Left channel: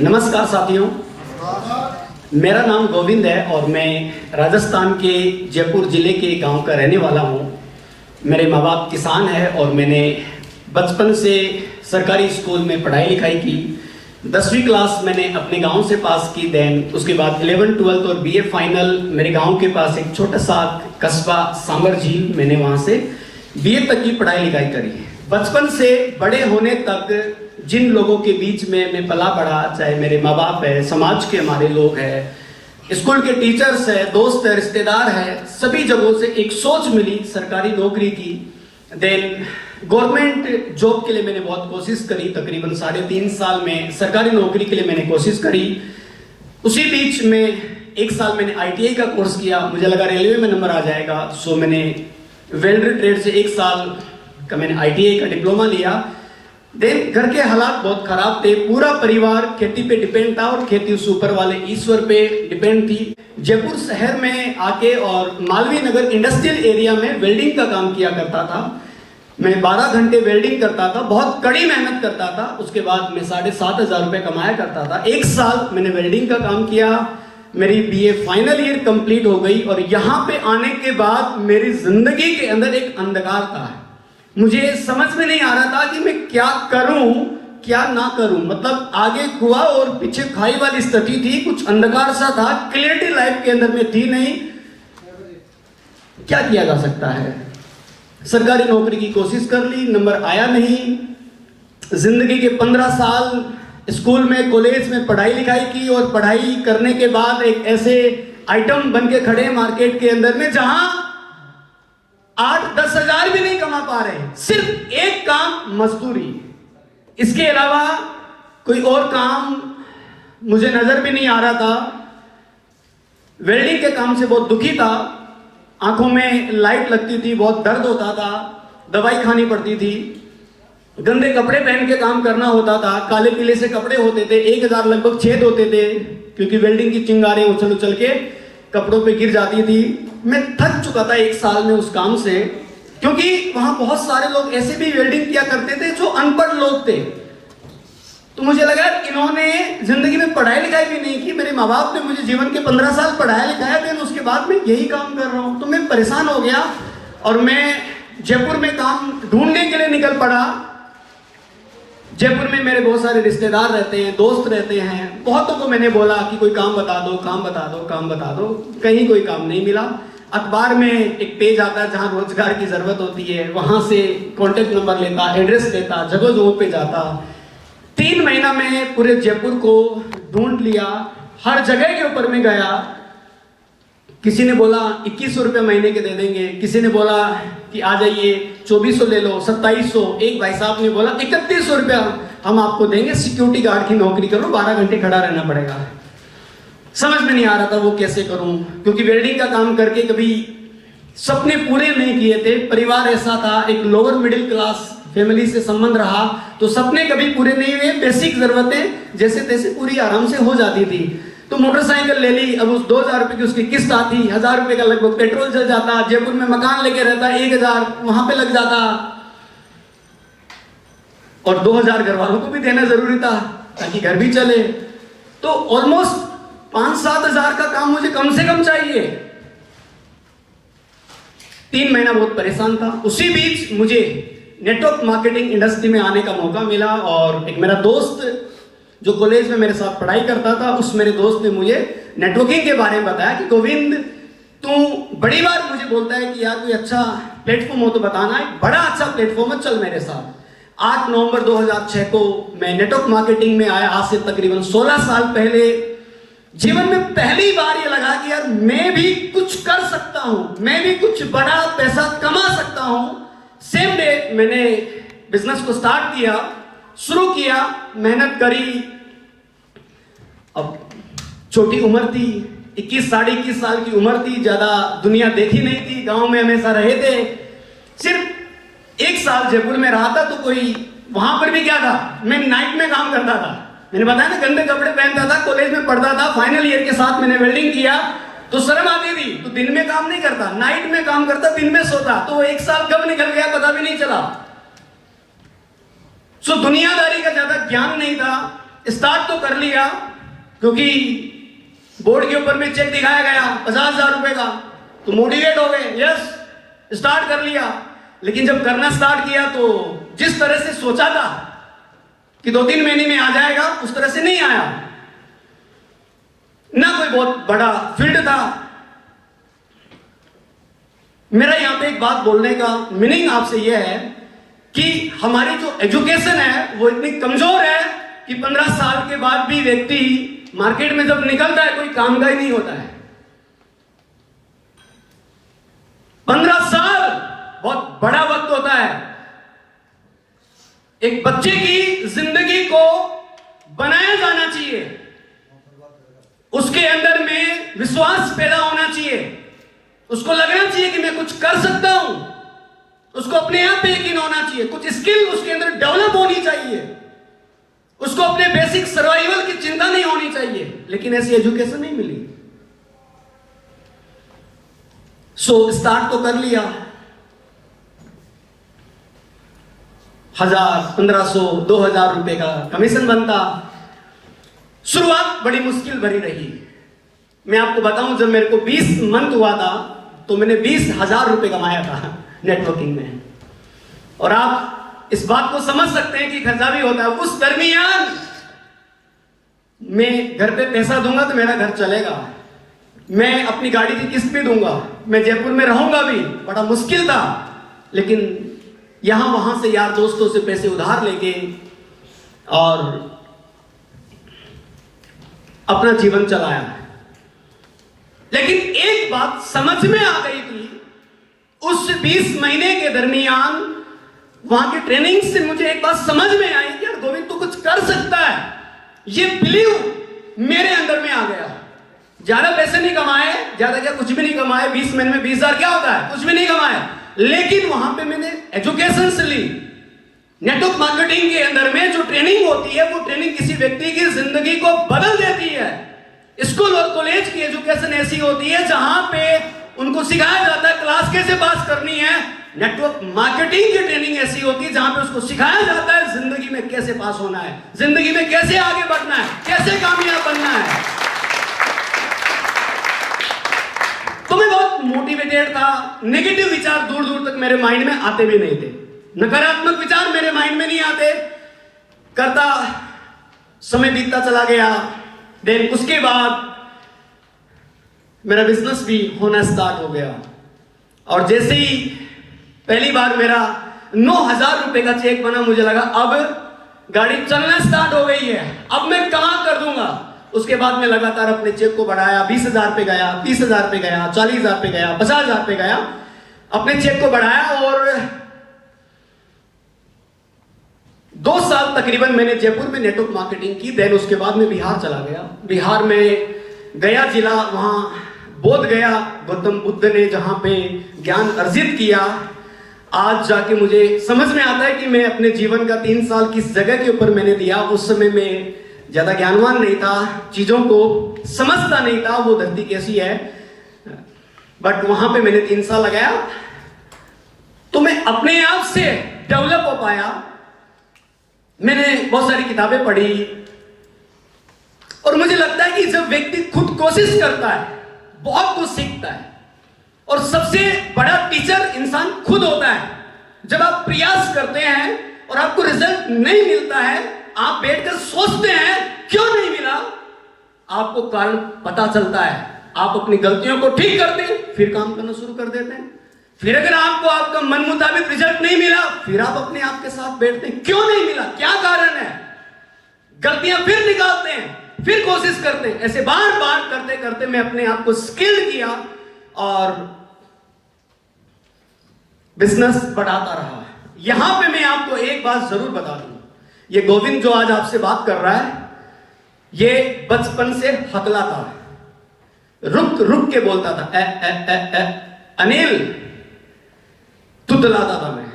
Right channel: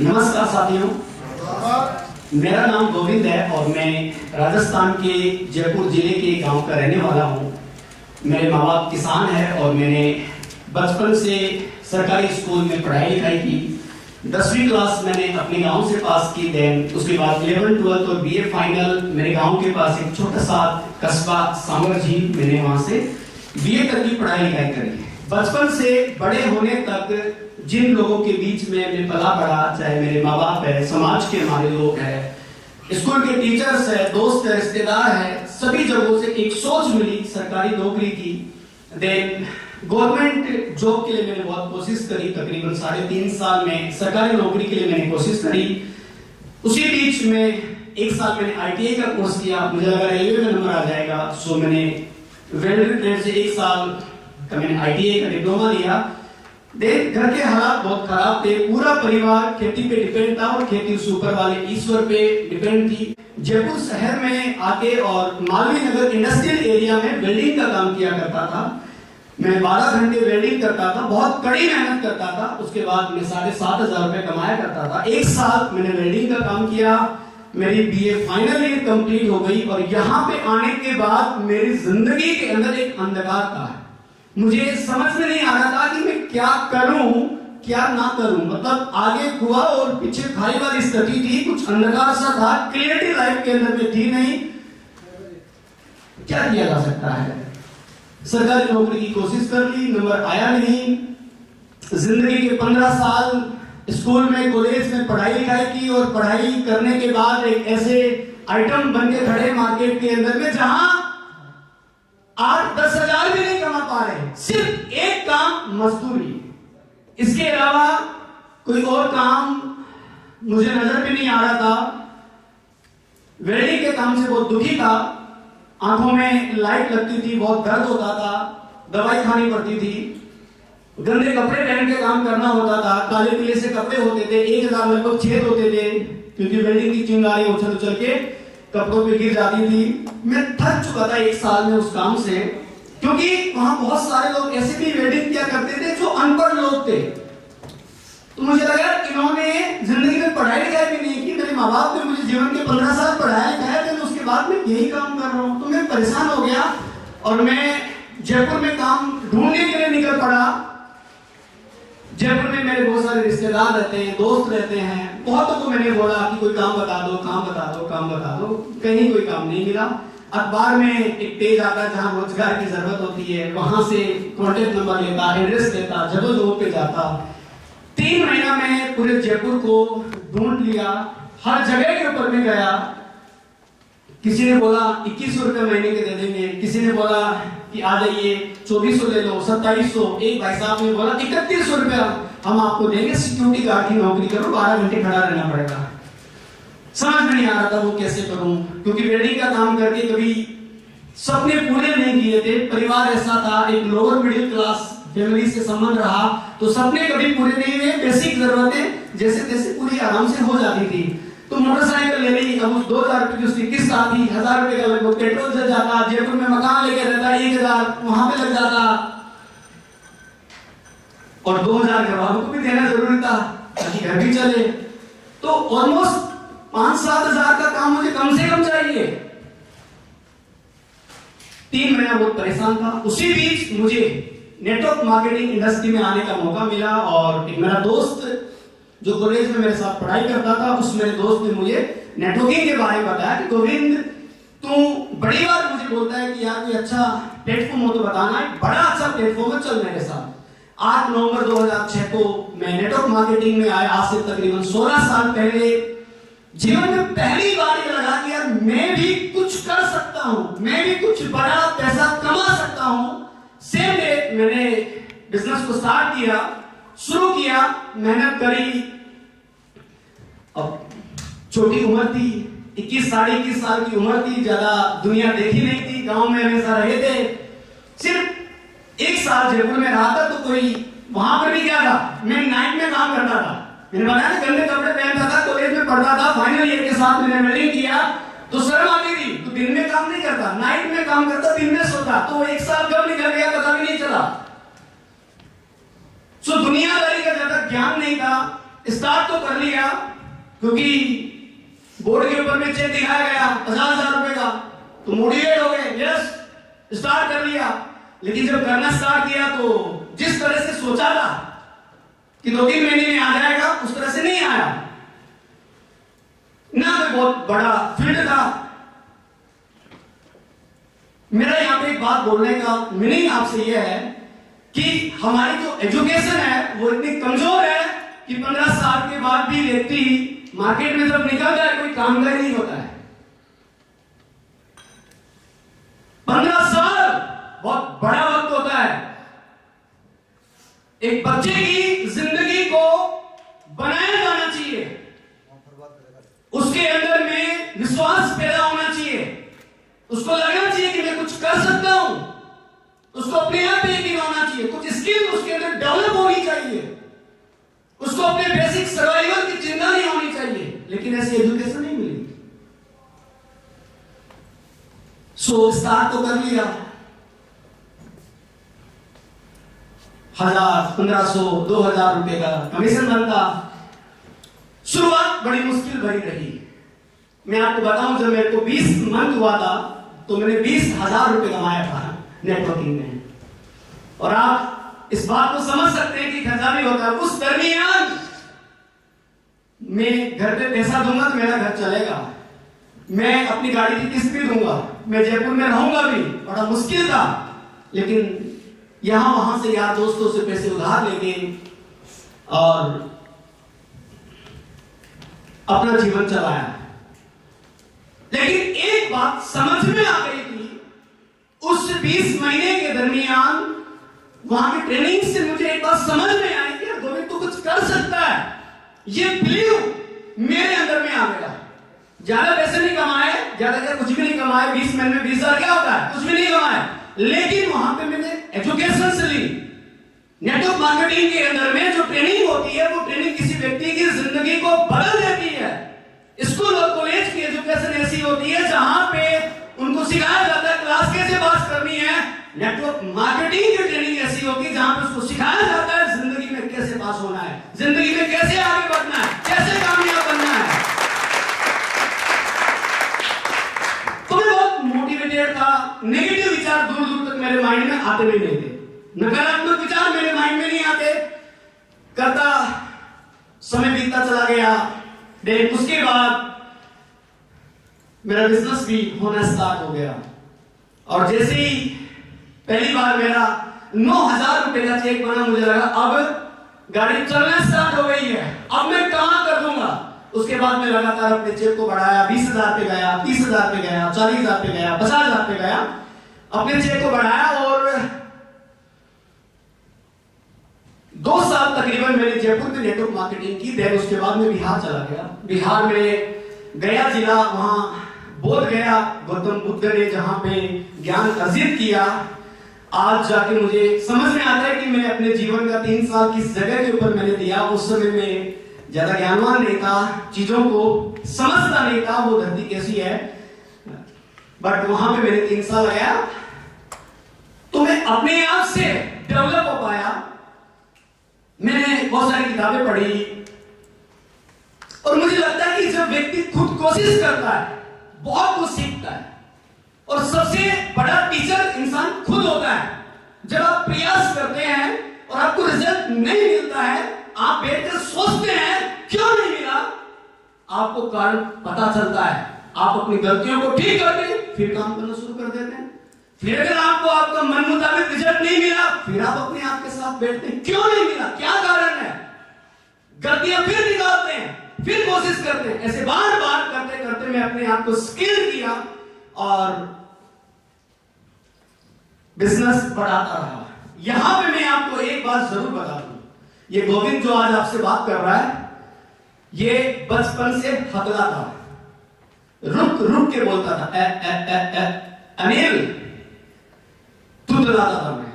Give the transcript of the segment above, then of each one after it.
नमस्कार साथियों, मेरा नाम गोविंद है और मैं राजस्थान के जयपुर जिले के गांव का रहने वाला हूं। मेरे माँ बाप किसान हैं और मैंने बचपन से सरकारी स्कूल में पढ़ाई लिखाई की। 10वीं क्लास मैंने अपने गांव से पास की। देन उसके बाद 11th 12th और बीए फाइनल मेरे गांव के पास एक छोटा सा कस्बा सांवर झील, मैंने वहां से बीए तक की पढ़ाई लिखाई करी। बचपन से बड़े होने तक जिन लोगों के बीच में मैं पला बड़ा, चाहे मेरे माँ बाप है, समाज के हमारे लोग हैं, स्कूल के टीचर्स है, दोस्त है, रिश्तेदार है, सभी जगहों से एक सोच मिली सरकारी नौकरी की। देन गवर्नमेंट जॉब के लिए मैंने बहुत कोशिश करी। तकरीबन 3.5 साल में सरकारी नौकरी के लिए मैंने कोशिश करी। उसी बीच में 1 साल मैंने आईटीआई का कोर्स किया। मुझे लगा रेलवे में नंबर आ जाएगा, सो मैंने वेल्डर ट्रेड से 1 साल का मैंने आईटीआई का डिप्लोमा लिया। देन घर के हालात बहुत खराब थे, पूरा परिवार खेती पे डिपेंड था और खेती उस ऊपर वाले ईश्वर पे डिपेंड थी। जयपुर शहर में आके और मालवीय नगर इंडस्ट्रियल एरिया में वेल्डिंग का काम किया करता था। मैं 12 घंटे वेल्डिंग करता था, बहुत कड़ी मेहनत करता था। उसके बाद मैं 7,500 रुपए कमाया करता था। 1 साल मैंने वेल्डिंग का काम किया। मेरी बीए फाइनल ईयर कंप्लीट हो गई और यहाँ पे आने के बाद मेरी जिंदगी के अंदर एक अंधकार था। मुझे समझ में नहीं आ रहा था कि मैं क्या करूं क्या ना करूं। मतलब आगे कुआं और पीछे खाई वाली स्थिति थी, कुछ अंधकार सा था, क्लियरिटी लाइफ के अंदर में थी नहीं। क्या किया जा सकता है? सरकारी नौकरी की कोशिश कर ली, नंबर आया नहीं। जिंदगी के 15 साल स्कूल में, कॉलेज में पढ़ाई लिखाई की और पढ़ाई करने के बाद एक ऐसे आइटम बन के खड़े मार्केट के अंदर में जहां 8-10 हजार भी नहीं कमा पा रहे, सिर्फ एक काम मजदूरी, इसके अलावा कोई और काम मुझे नजर भी नहीं आ रहा था। वेल्डिंग के काम से बहुत दुखी था, आंखों में लाइट लगती थी, बहुत दर्द होता था, दवाई खानी पड़ती थी, गंदे कपड़े पहन के काम करना होता था, काले पीले से कपड़े होते थे, 1000 लगभग छेद होते थे क्योंकि वेल्डिंग की चिंगारें उछल उछल के कपड़ों पे गिर जाती थी। मैं थक चुका था 1 साल में उस काम से, क्योंकि वहां बहुत सारे लोग ऐसे भी वेल्डिंग किया करते थे जो अनपढ़ लोग थे। तो मुझे लगा इन्होंने जिंदगी में पढ़ाई लिखाई भी नहीं की। मेरे माँ बाप ने मुझे जीवन के 15 साल पढ़ाया लिखाया, फिर उसके बाद मैं यही काम कर रहा हूं। तो मैं परेशान हो गया और मैं जयपुर में काम ढूंढने के लिए निकल पड़ा। जयपुर में मेरे बहुत सारे रिश्तेदार रहते हैं, दोस्त रहते हैं। बहुतों को मैंने बोला कि कोई काम बता दो, काम बता दो, काम बता दो। कहीं कोई काम नहीं मिला। अखबार में एक पेज आता है जहां रोजगार की जरूरत होती है, वहां से कॉन्टेक्ट नंबर लेता, एड्रेस लेता, जगह जगह पे जाता। 3 महीना में पूरे जयपुर को ढूंढ लिया, हर जगह के ऊपर में गया। किसी ने बोला 2100 रुपए महीने के दे देंगे, किसी ने बोला कि आ जाइए 2400 ले लो, 2700। एक भाई साहब ने बोला 3100 रुपया हम आपको देंगे, सिक्योरिटी गार्ड की नौकरी करो, 12 घंटे खड़ा रहना पड़ेगा। समझ में नहीं आ रहा था वो कैसे करूं, क्योंकि वेल्डिंग का काम करके कभी सपने पूरे नहीं किए थे। परिवार ऐसा था, एक लोअर मिडिल क्लास फैमिली से संबंध रहा, तो सपने कभी पूरे नहीं हुए। बेसिक जरूरतें जैसे तैसे पूरी आराम से हो जाती थी। तो मोटरसाइकिल ले ली, अब उस 2000 रुपए की उसकी किस्त आती, 1000 रुपए का लगभग पेट्रोल चल जाता। जयपुर में मकान लेके रहता, 1000 वहां पे लग जाता और 2000 घर वालों को भी देना जरूरी था ताकि घर भी चले। तो ऑलमोस्ट 5-7 हजार का काम मुझे कम से कम चाहिए। 3 महीना बहुत परेशान था। उसी बीच मुझे नेटवर्क मार्केटिंग इंडस्ट्री में आने का मौका मिला और एक मेरा दोस्त जो कॉलेज में मेरे साथ पढ़ाई करता था, उस मेरे दोस्त ने मुझे नेटवर्किंग के बारे में बताया कि गोविंद, तू बड़ी बार मुझे बोलता है कि यार कोई अच्छा प्लेटफॉर्म हो तो बताना, एक बड़ा अच्छा प्लेटफॉर्म है, चल मेरे साथ। 8 नवंबर 2006 को मैं नेटवर्क मार्केटिंग में आया। आज से तकरीबन 16 साल पहले जीवन में पहली बार ये लगा कि यार मैं भी कुछ कर सकता हूं, मैं भी कुछ बड़ा पैसा कमा सकता हूं। सेम डे मैंने बिजनेस को स्टार्ट किया, शुरू किया, मेहनत करी। अब छोटी उम्र थी, 21-21 साल की उम्र थी, ज्यादा दुनिया देखी नहीं थी, गांव में हमेशा रहे थे। सिर्फ 1 साल जयपुर में रहा था, तो कोई वहां पर भी क्या था, मैं नाइट में काम करता था। मैंने बताया ना, गंदे कपड़े पहनता था, कॉलेज में पढ़ता था, फाइनल ईयर के साथ मैंने वेल्डिंग किया तो शर्म आती थी। तो दिन में काम नहीं करता, नाइट में काम करता, दिन में सोता। तो 1 साल कब निकल गया पता भी नहीं चला। सो दुनियादारी का ज्यादा ज्ञान नहीं था। स्टार्ट तो कर लिया, क्योंकि बोर्ड के ऊपर में चेक दिखाया गया 50,000 रुपए का, तो मोटिवेट हो गए, यस स्टार्ट कर लिया। लेकिन जब करना स्टार्ट किया तो जिस तरह से सोचा था कि 2-3 महीने में आ जाएगा, उस तरह से नहीं आया। ना कोई बहुत बड़ा फील्ड था। मेरा यहां पे एक बात बोलने का मीनिंग आपसे यह है कि हमारी जो एजुकेशन है वो इतनी कमजोर है कि 15 साल के बाद भी व्यक्ति मार्केट में जब निकलता है कोई काम का ही नहीं होता है। 15 साल बहुत बड़ा वक्त होता है। एक बच्चे की जिंदगी को बनाया जाना चाहिए, उसके अंदर में विश्वास पैदा होना चाहिए, उसको लगना चाहिए कि मैं कुछ कर सकता हूं, उसको अपने आप पे यकीन होना चाहिए, कुछ स्किल उसके अंदर डेवलप होनी चाहिए, उसको अपने बेसिक सर्वाइवल की चिंता नहीं होनी चाहिए। लेकिन ऐसी एजुकेशन नहीं मिली। सो स्टार्ट तो कर लिया, 1000, 1500, 2000 रुपए का कमीशन बनता। शुरुआत बड़ी मुश्किल भरी रही। मैं आपको बताऊं, जब मेरे को 20 मंथ हुआ था तो मैंने 20,000 रुपए कमाया था नेटवर्किंग में। और आप इस बात को समझ सकते हैं कि खर्चा भी होता है। उस दरमियान मैं घर पे पैसा दूंगा तो मेरा घर चलेगा, मैं अपनी गाड़ी की किस्त भी दूंगा, मैं जयपुर में रहूंगा भी, बड़ा मुश्किल था। लेकिन यहां वहां से यार दोस्तों से पैसे उधार लेके और अपना जीवन चलाया। लेकिन एक बात समझ में आ गई थी, उस 20 महीने के दरमियान वहां की ट्रेनिंग से मुझे एक बात समझ में आई कि यार गोविंद तू कुछ कर सकता है। ये बिलीव मेरे अंदर में आ गया। ज्यादा पैसे नहीं कमाए, ज्यादा क्या कुछ भी नहीं कमाए, 20 महीने में 20,000 क्या होता है, कुछ भी नहीं कमाए। लेकिन वहां पे मैंने एजुकेशन से ली। नेटवर्क मार्केटिंग के अंदर में जो ट्रेनिंग होती है वो ट्रेनिंग किसी व्यक्ति की जिंदगी को बदल देती है। स्कूल और कॉलेज की एजुकेशन ऐसी होती है जहां पे उनको सिखाया जाता है क्लास कैसे पास करनी है। नेटवर्क मार्केटिंग की ट्रेनिंग ऐसी होती है जहां पे उसको सिखाया जाता है जिंदगी में कैसे पास होना है, जिंदगी में कैसे आगे बढ़ना है, कैसे कामयाब बनना है। तो मैं बहुत मोटिवेटेड था। नेगेटिव विचार दूर दूर तक मेरे माइंड में आते भी नहीं थे, नकारात्मक विचार मेरे माइंड में नहीं आते। करता समय बीतता चला गया। देन उसके बाद मेरा बिजनेस भी होना स्टार्ट हो गया। और जैसे ही पहली बार मेरा 9,000 रुपए का चेक बना, मुझे लगा अब गाड़ी चलना स्टार्ट हो गई है, अब मैं कहां कर दूंगा। उसके बाद मैं लगातार अपने चेक को बढ़ाया, 20,000 पे गया, 30,000 पे गया, 40,000 पे गया, 50,000 पे गया, अपने चेक को बढ़ाया। और 2 साल तकरीबन मैंने जयपुर में नेटवर्क मार्केटिंग की। देन उसके बाद मैं बिहार चला गया। बिहार में गया जिला, वहां बोध गया गौतम बुद्ध ने जहां पे ज्ञान अर्जित किया। आज जाके मुझे समझ में आता है कि मैं अपने जीवन का 3 साल किस जगह के ऊपर मैंने दिया। उस समय में ज्यादा ज्ञानवान नहीं था, चीजों को समझता नहीं था वो धरती कैसी है। बट वहां पे मैंने 3 साल लगाया तो मैं अपने आप से डेवलप हो पाया। मैंने बहुत सारी किताबें पढ़ी और मुझे लगता है कि जब व्यक्ति खुद कोशिश करता है बहुत कुछ सीखता है। और सबसे बड़ा टीचर इंसान खुद होता है। जब आप प्रयास करते हैं और आपको रिजल्ट नहीं मिलता है, आप बैठकर सोचते हैं क्यों नहीं मिला, आपको कारण पता चलता है। आप अपनी गलतियों को ठीक करते हैं, फिर काम करना शुरू कर देते हैं। फिर अगर आपको आपका मन मुताबिक रिजल्ट नहीं मिला, फिर आप अपने आप के साथ बैठते हैं, क्यों नहीं मिला, क्या कारण है। गलतियां फिर निकालते हैं, फिर कोशिश करते हैं। ऐसे बार बार करते करते मैं अपने आप को स्किल किया और बिजनेस बढ़ाता रहा। यहां पे मैं आपको एक बात जरूर बता दूं, ये गोविंद जो आज आपसे बात कर रहा है, ये बचपन से हकला था, रुक रुक के बोलता था। अनिल तुतलाता था मैं।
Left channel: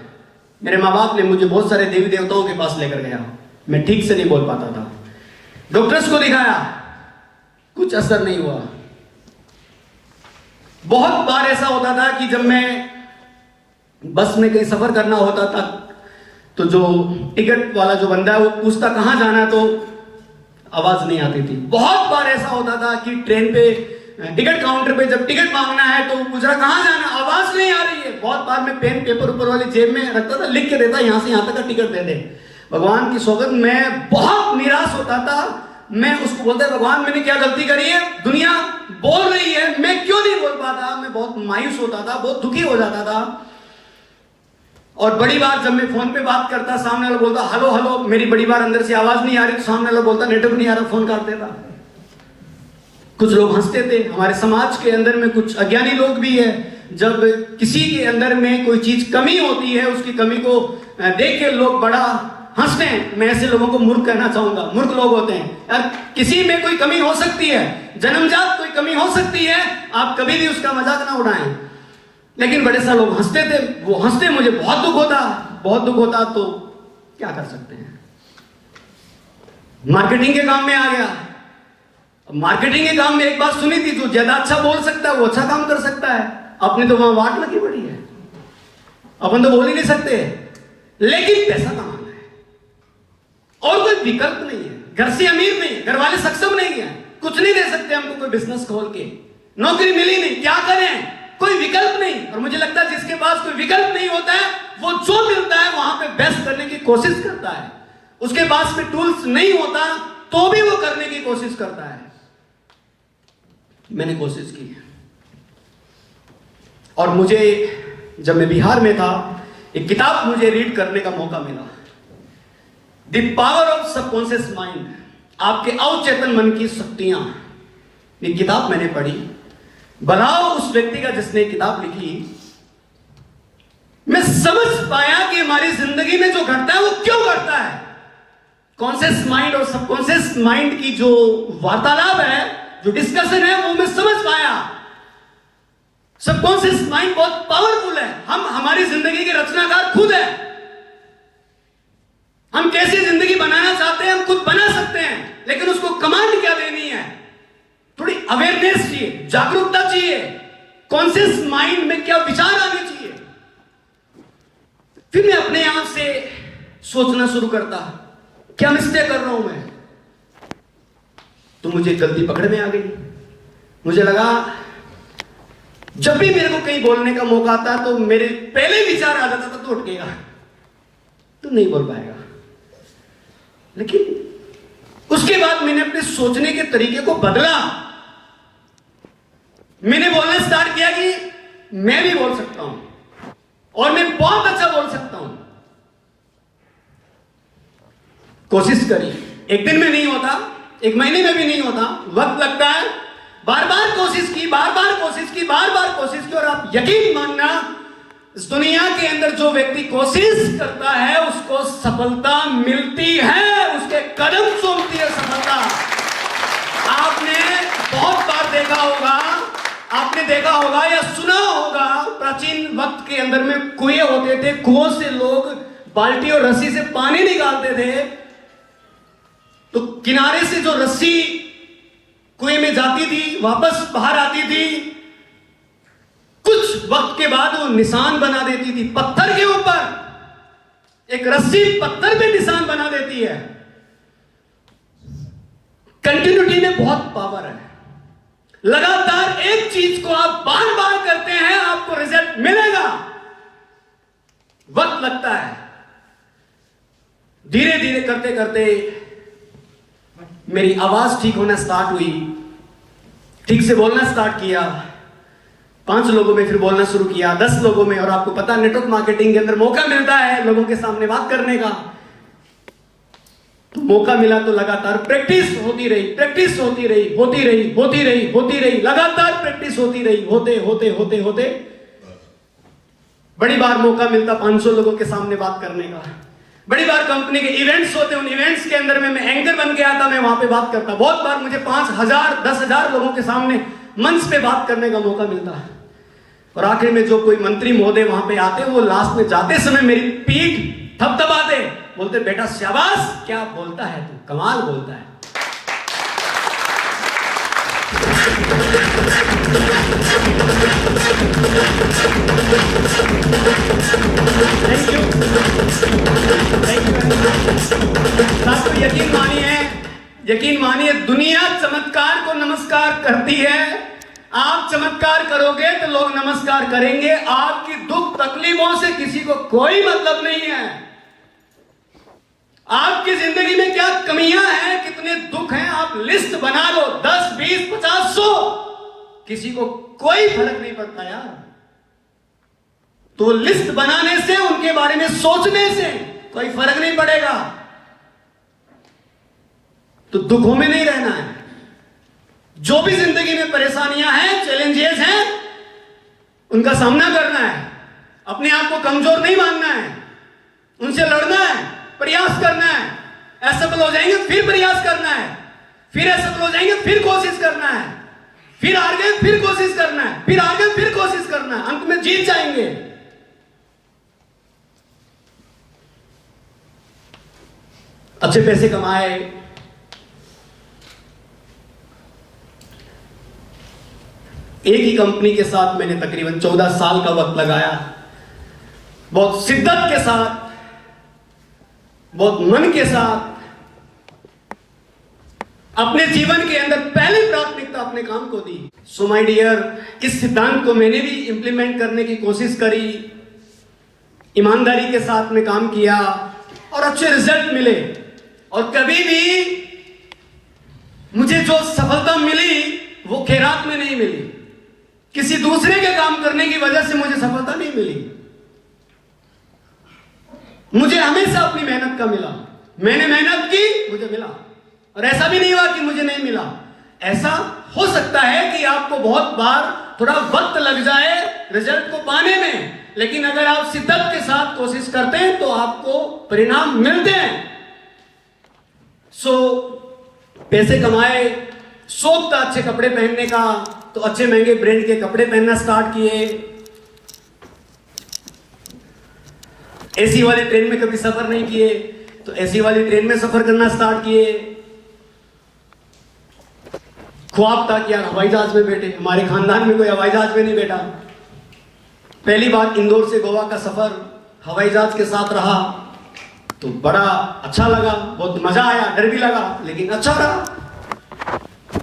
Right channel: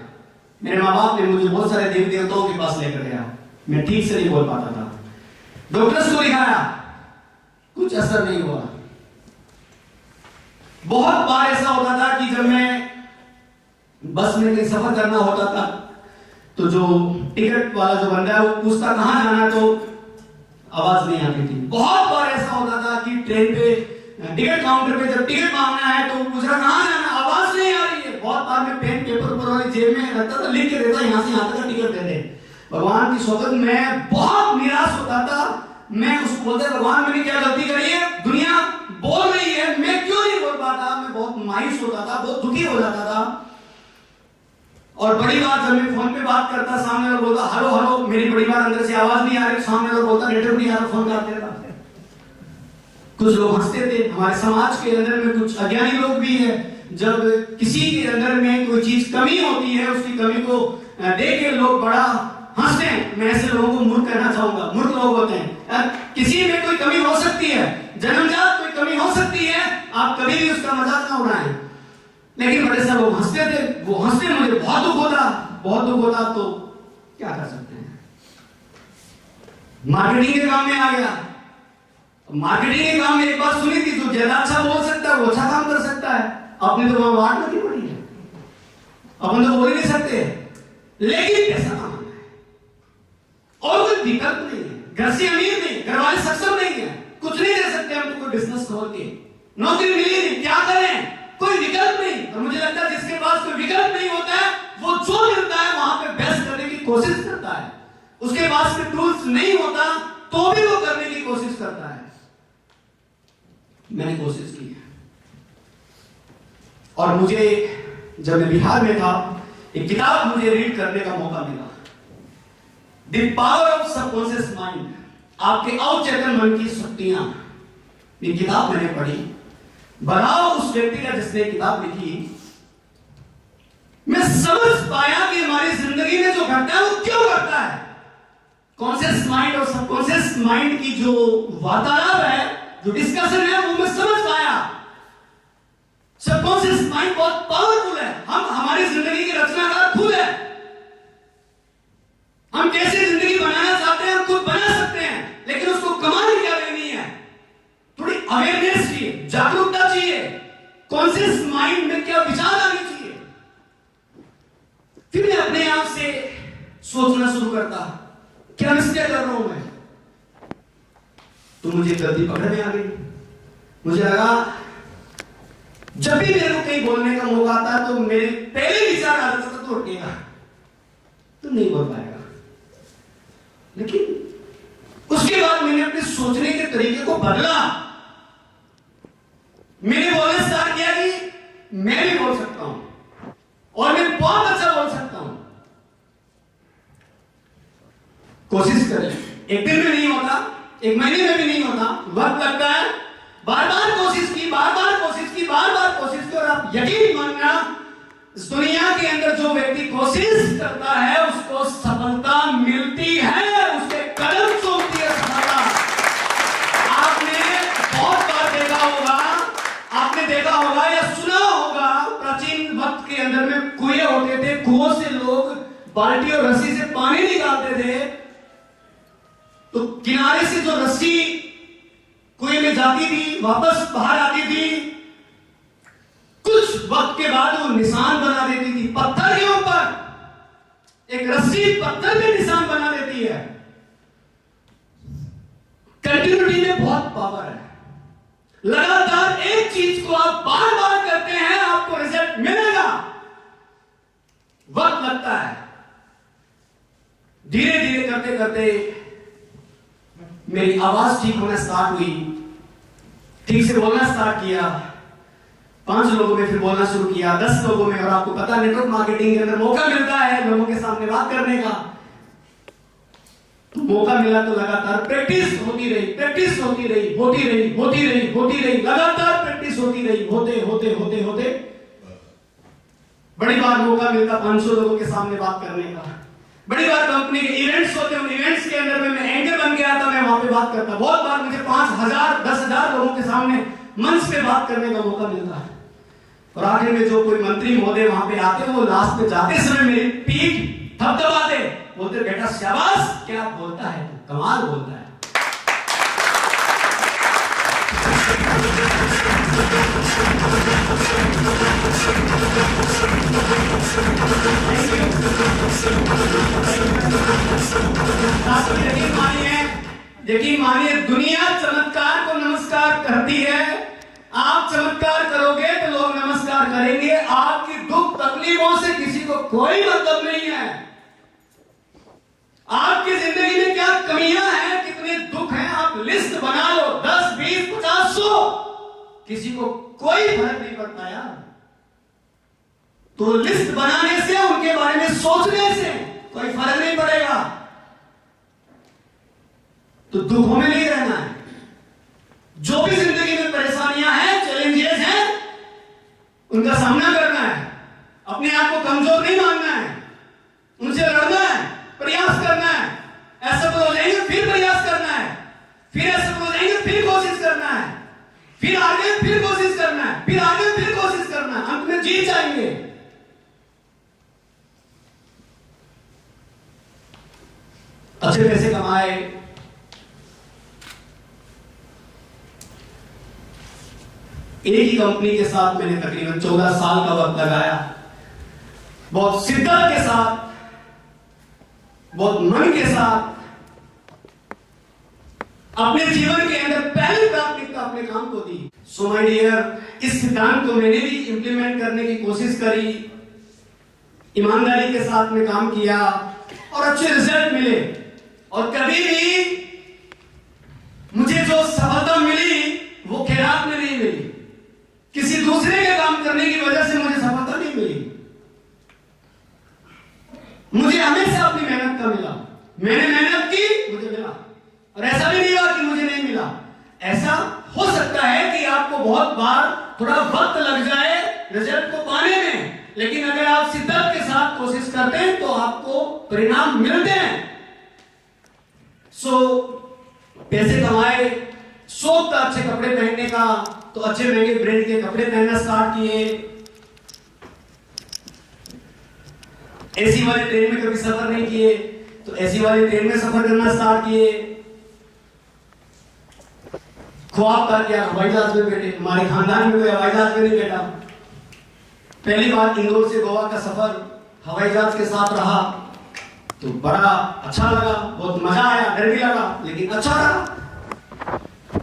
मेरे माँ बाप ने मुझे बहुत सारे देवी देवताओं के पास लेकर गया, मैं ठीक से नहीं बोल पाता था। डॉक्टर्स को दिखाया, कुछ असर नहीं हुआ। बहुत बार ऐसा होता था कि जब मैं बस में कहीं सफर करना होता था तो जो टिकट वाला जो बंदा है वो पूछता कहां जाना है, तो आवाज नहीं आती थी। बहुत बार ऐसा होता था कि ट्रेन पे टिकट काउंटर पे जब टिकट मांगना है तो पूछ रहा कहाँ जाना, आवाज नहीं आ रही है। बहुत बार मैं पेन पेपर ऊपर वाले जेब में रखता था, लिख के देता यहाँ से यहाँ तक का टिकट दे दे। भगवान की सौगंध, मैं बहुत निराश होता था। मैं उसको बोलता भगवान मैंने क्या गलती करी है, दुनिया बोल रही है मैं क्यों नहीं बोल पाता। मैं बहुत मायूस होता था, बहुत दुखी हो जाता था। और बड़ी बार जब मैं फोन पे बात करता, सामने वाला बोलता हेलो हेलो, मेरी बड़ी बार अंदर से आवाज नहीं आ रही, सामने वाला बोलता नेटवर्क नहीं आ रहा, फोन काट देता। कुछ लोग हंसते थे। हमारे समाज के अंदर में कुछ अज्ञानी लोग भी है, जब किसी के अंदर में कोई चीज कमी होती है उसकी कमी को देख के लोग बड़ा हंसते हैं। मैं ऐसे लोगों को मूर्ख कहना चाहूंगा। मूर्ख लोग होते हैं। किसी में कोई कमी हो सकती है, जन्मजात कोई कमी हो सकती है, आप कभी भी उसका मजाक ना उड़ाएं। लेकिन बड़े सारे लोग हंसते थे, वो हंसते मुझे बहुत दुख होता, बहुत दुख होता। तो क्या कर सकते हैं। मार्केटिंग के काम में आ गया। मार्केटिंग के काम में एक बात सुनी थी, जो ज्यादा अच्छा बोल सकता है वो अच्छा काम कर सकता है। अपनी तो वहां वाट लगी पड़ी है, अपन तो बोल ही नहीं सकते, लेकिन पैसा कमाना है और कोई विकल्प नहीं है। घर से अमीर नहीं है, घर वाले सक्षम नहीं है, कुछ नहीं दे सकते हमको कोई बिजनेस खोल के, नौकरी मिली नहीं, क्या करें, कोई विकल्प नहीं। और मुझे लगता है जिसके पास कोई विकल्प नहीं होता है वो जो मिलता है वहां पे बेस्ट करने की कोशिश करता है। उसके पास में टूल्स नहीं होता तो भी वो करने की कोशिश करता है। मैंने कोशिश की और मुझे जब मैं बिहार में था एक किताब मुझे रीड करने का मौका मिला, the power of subconscious mind, आपके अवचेतन मन की शक्तियां। ये किताब मैंने पढ़ी। बनाओ उस व्यक्ति का जिसने किताब लिखी। मैं समझ पाया कि हमारी जिंदगी में जो घटता है वो क्यों घटता है। कॉन्शियस माइंड और सबकॉन्शियस माइंड की जो वार्तालाप है, जो डिस्कशन है, वो मैं समझ पाया। सबकॉन्शियस माइंड बहुत पावरफुल है। हम हमारी जिंदगी के रचनाकार खुद है। हम कैसे जिंदगी बनाना चाहते हैं हम खुद बना सकते हैं, लेकिन उसको कमांड क्या देनी है, थोड़ी अवेयरनेस चाहिए, जागरूकता चाहिए, कॉन्शियस माइंड में क्या विचार आने चाहिए। फिर मैं अपने आप से सोचना शुरू करता, क्या मिस्टेक कर रहा हूं मैं। तो मुझे गलती पकड़ में आ गई। मुझे लगा जब भी मेरे को कहीं बोलने का मौका आता तो मेरे पहले विचार आ जाता था तो उठेगा, तो नहीं बोल पाएगा। लेकिन उसके बाद मैंने अपने सोचने के तरीके को बदला। मैंने बोलना स्टार्ट किया कि मैं भी बोल सकता हूं और मैं बहुत अच्छा बोल सकता हूं। कोशिश करी। एक दिन में नहीं होता, एक महीने में भी नहीं होता, वक्त लगता है। बार बार कोशिश की, बार बार कोशिश की, बार बार कोशिश की। और आप यकीन मानना, इस दुनिया के अंदर जो व्यक्ति कोशिश करता है उसको सफलता मिलती है, उसके कदम चूमती है सफलता। आपने बहुत बार देखा होगा, आपने देखा होगा या सुना होगा, प्राचीन वक्त के अंदर में कुएं होते थे, कुओं से लोग बाल्टी और रस्सी से पानी निकालते थे। तो किनारे से जो रस्सी कुएं में जाती थी वापस बाहर आती थी, कुछ वक्त के बाद वो निशान बना देती थी पत्थर के ऊपर। एक रस्सी पत्थर में निशान बना देती है। कंटिन्यूटी में बहुत पावर है। लगातार एक चीज को आप बार बार करते हैं, आपको रिजल्ट मिलेगा। वक्त लगता है। धीरे धीरे करते करते मेरी आवाज ठीक होना स्टार्ट हुई, ठीक से बोलना स्टार्ट किया। 5 लोगों में फिर बोलना शुरू किया, 10 लोगों में। और आपको पता नेटवर्क मार्केटिंग के अंदर मौका मिलता है लोगों के सामने बात करने का। तो मौका मिला तो लगातार प्रैक्टिस होती रही, प्रैक्टिस होती रही, होती रही, होती रही, होती रही, लगातार प्रैक्टिस होती रही। होते होते होते होते बड़ी बार मौका मिलता 500 लोगों के सामने बात करने का। बड़ी बार कंपनी के इवेंट्स होते, उन इवेंट्स के अंदर में मैं एंकर बन के आता, मैं वहां पे बात करता। बहुत बार मुझे 5000 10,000 लोगों के सामने मंच पे बात करने का मौका मिलता है। और आखिर में जो कोई मंत्री महोदय वहां पे आते, वो लास्ट में जाते समय मेरी पीठ थपथपाते, बोलते बेटा शाबाश, क्या बोलता है तू, कमाल बोलता है। आपको यकीन मानिए, यकीन मानिए दुनिया चमत्कार को नमस्कार करती है। आप चमत्कार करोगे तो लोग नमस्कार करेंगे। आपकी दुख तकलीफों से किसी को कोई मतलब नहीं है। आपकी जिंदगी में क्या कमियां हैं, कितने दुख हैं, आप लिस्ट बना लो, 10, 20, 50, 100, किसी को कोई फर्क नहीं पड़ता यार। तो लिस्ट बनाने से, उनके बारे में सोचने से कोई फर्क नहीं पड़ेगा। तो दुखों में नहीं रहना है। जो भी जिंदगी में परेशानियां हैं, चैलेंजेस हैं, उनका सामना करना है। अपने आप को कमजोर नहीं मानना है, उनसे लड़ना है, प्रयास करना है। असफल हो जाएंगे फिर प्रयास करना है, फिर असफल हो जाएंगे फिर कोशिश करना है, फिर हार गए फिर कोशिश करना है, फिर हार गए फिर कोशिश करना है, अंत में जीत जाएंगे। अच्छे पैसे कमाए, एक ही कंपनी के साथ मैंने तकरीबन 14 साल का वक्त लगाया। बहुत शिद्दत के साथ, बहुत मन के साथ अपने जीवन के अंदर पहली प्राथमिकता अपने काम को दी। सो माय डियर, इस सिद्धांत को मैंने भी इंप्लीमेंट करने की कोशिश करी, ईमानदारी के साथ में काम किया और अच्छे रिजल्ट मिले। और कभी भी मुझे जो सफलता मिली वो खैरात में नहीं मिली, किसी दूसरे के काम करने की वजह से मुझे सफलता नहीं मिली। मुझे हमेशा अपनी मेहनत का मिला। मैंने मेहनत की, मुझे मिला। और ऐसा भी नहीं हुआ कि मुझे नहीं मिला। ऐसा हो सकता है कि आपको बहुत बार थोड़ा वक्त लग जाए रिजल्ट को पाने में, लेकिन अगर आप शिद्दत के साथ कोशिश करते हैं तो आपको परिणाम मिलते हैं। सो पैसे कमाए, शौक था अच्छे कपड़े पहनने का, तो अच्छे महंगे ब्रांड के कपड़े पहनना स्टार्ट किए। एसी वाले ट्रेन में कभी सफर नहीं किए, तो एसी वाली ट्रेन में सफर करना स्टार्ट किए। ख्वाब था कि यार हवाई जहाज में बैठे, हमारे खानदान में कोई हवाई जहाज में नहीं बैठा। पहली बार इंदौर से गोवा का सफर हवाई जहाज के साथ रहा, तो बड़ा अच्छा लगा, बहुत मजा आया, डर भी लगा, लेकिन अच्छा रहा।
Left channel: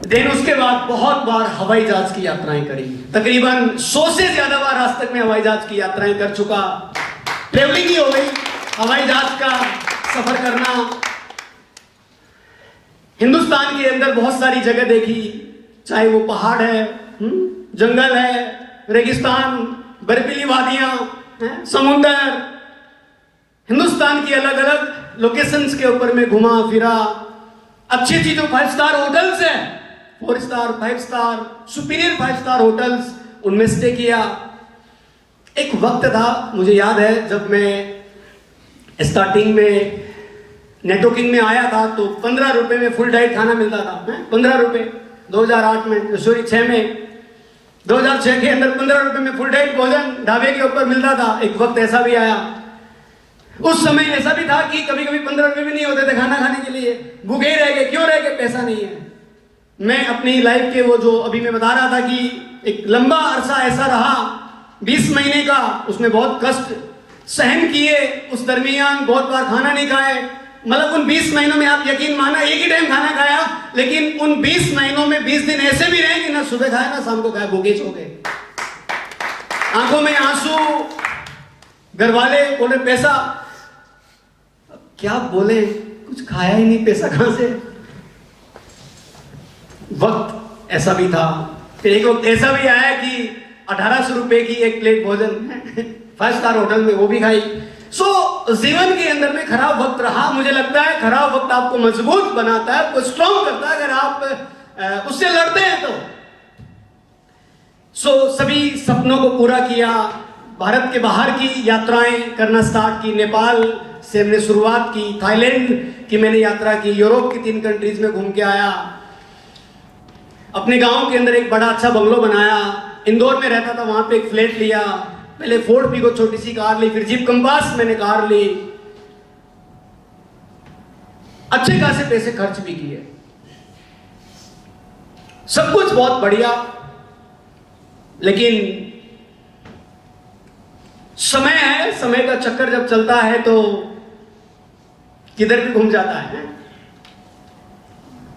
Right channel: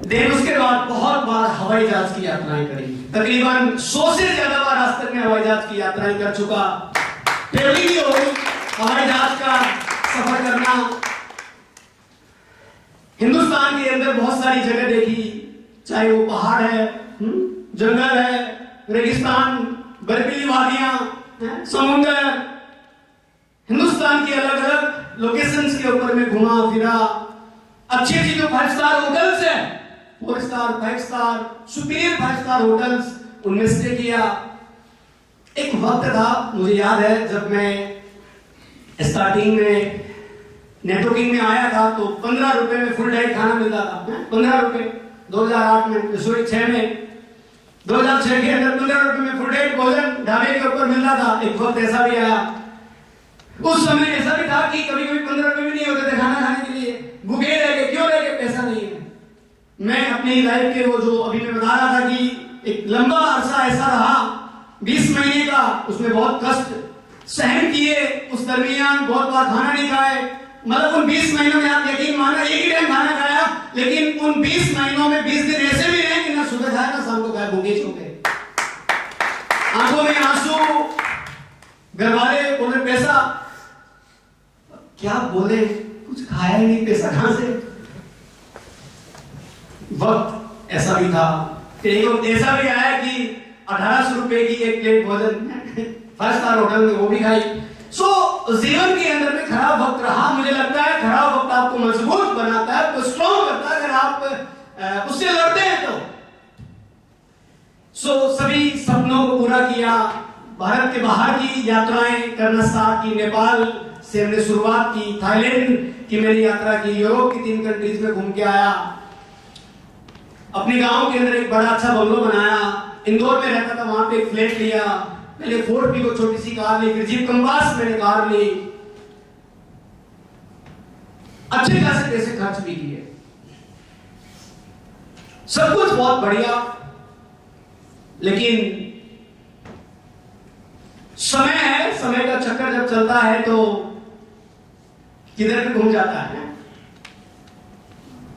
देन उसके बाद बहुत बार हवाई जहाज की यात्राएं करी, तकरीबन 100 से ज्यादा बार आज तक मैं हवाई जहाज की यात्राएं कर चुका। ट्रेवलिंग भी हो गई, हवाई जहाज का सफर करना। हिंदुस्तान के अंदर बहुत सारी जगह देखी, चाहे वो पहाड़ है, जंगल है, रेगिस्तान, बर्फीली वादियां, समुंदर। हिंदुस्तान की अलग अलग लोकेशंस के ऊपर में घुमा फिरा। अच्छी अच्छी जो 5 स्टार होटल्स है, 4 star, 5 star, superior 5 star hotels, उनमें स्टे किया। एक वक्त था, मुझे याद है, जब मैं स्टार्टिंग में नेटवर्किंग में आया था तो 15 रुपए में फुल डाइट खाना मिलता था। 15 रुपए 2008 में, सॉरी 6 में, 2006 के अंदर 15 रुपए में फुल डाइट भोजन ढाबे के ऊपर मिलता था। एक वक्त ऐसा भी आया, उस समय ऐसा भी था कि कभी कभी 15 रुपए भी नहीं होते थे खाना खाने के लिए। भूखे रह गए, क्यों रह गए? पैसा नहीं है। मैं अपनी लाइफ के वो जो अभी मैं बता रहा था कि एक लंबा अरसा ऐसा रहा, 20 महीने का, उसमें बहुत कष्ट सहन किए। उस दरमियान बहुत बार खाना नहीं खाए। मतलब उन 20 महीनों में आप यकीन माना एक ही टाइम खाना खाया, लेकिन उन 20 महीनों में 20 दिन ऐसे भी रहे कि ना सुबह खाया ना शाम को खाया, भूखे सो गए, आंखों में आंसू, घर वाले बोले पैसा, क्या बोले, कुछ खाया ही नहीं, पैसा कहां से। वक्त ऐसा भी था। फिर एक वक्त ऐसा भी आया कि 1800 रुपए की एक प्लेट भोजन 5 स्टार होटल में, वो भी खाई। जीवन के अंदर में खराब वक्त रहा। मुझे लगता है खराब वक्त आपको मजबूत बनाता है, आपको स्ट्रॉन्ग करता है, अगर आप उससे लड़ते हैं तो। सभी सपनों को पूरा किया। भारत के बाहर की यात्राएं करना स्टार्ट की। नेपाल से हमने शुरुआत की, थाईलैंड की मैंने यात्रा की, यूरोप की 3 कंट्रीज में घूम के आया। अपने गांव के अंदर एक बड़ा अच्छा बंगलो बनाया। इंदौर में रहता था, वहां पे एक फ्लैट लिया। पहले फोर्ड भी को छोटी सी कार ली, फिर जीप कंपास मैंने कार ली। अच्छे खासे पैसे खर्च भी किए, सब कुछ बहुत बढ़िया। लेकिन समय है, समय का चक्कर जब चलता है तो किधर भी घूम जाता है।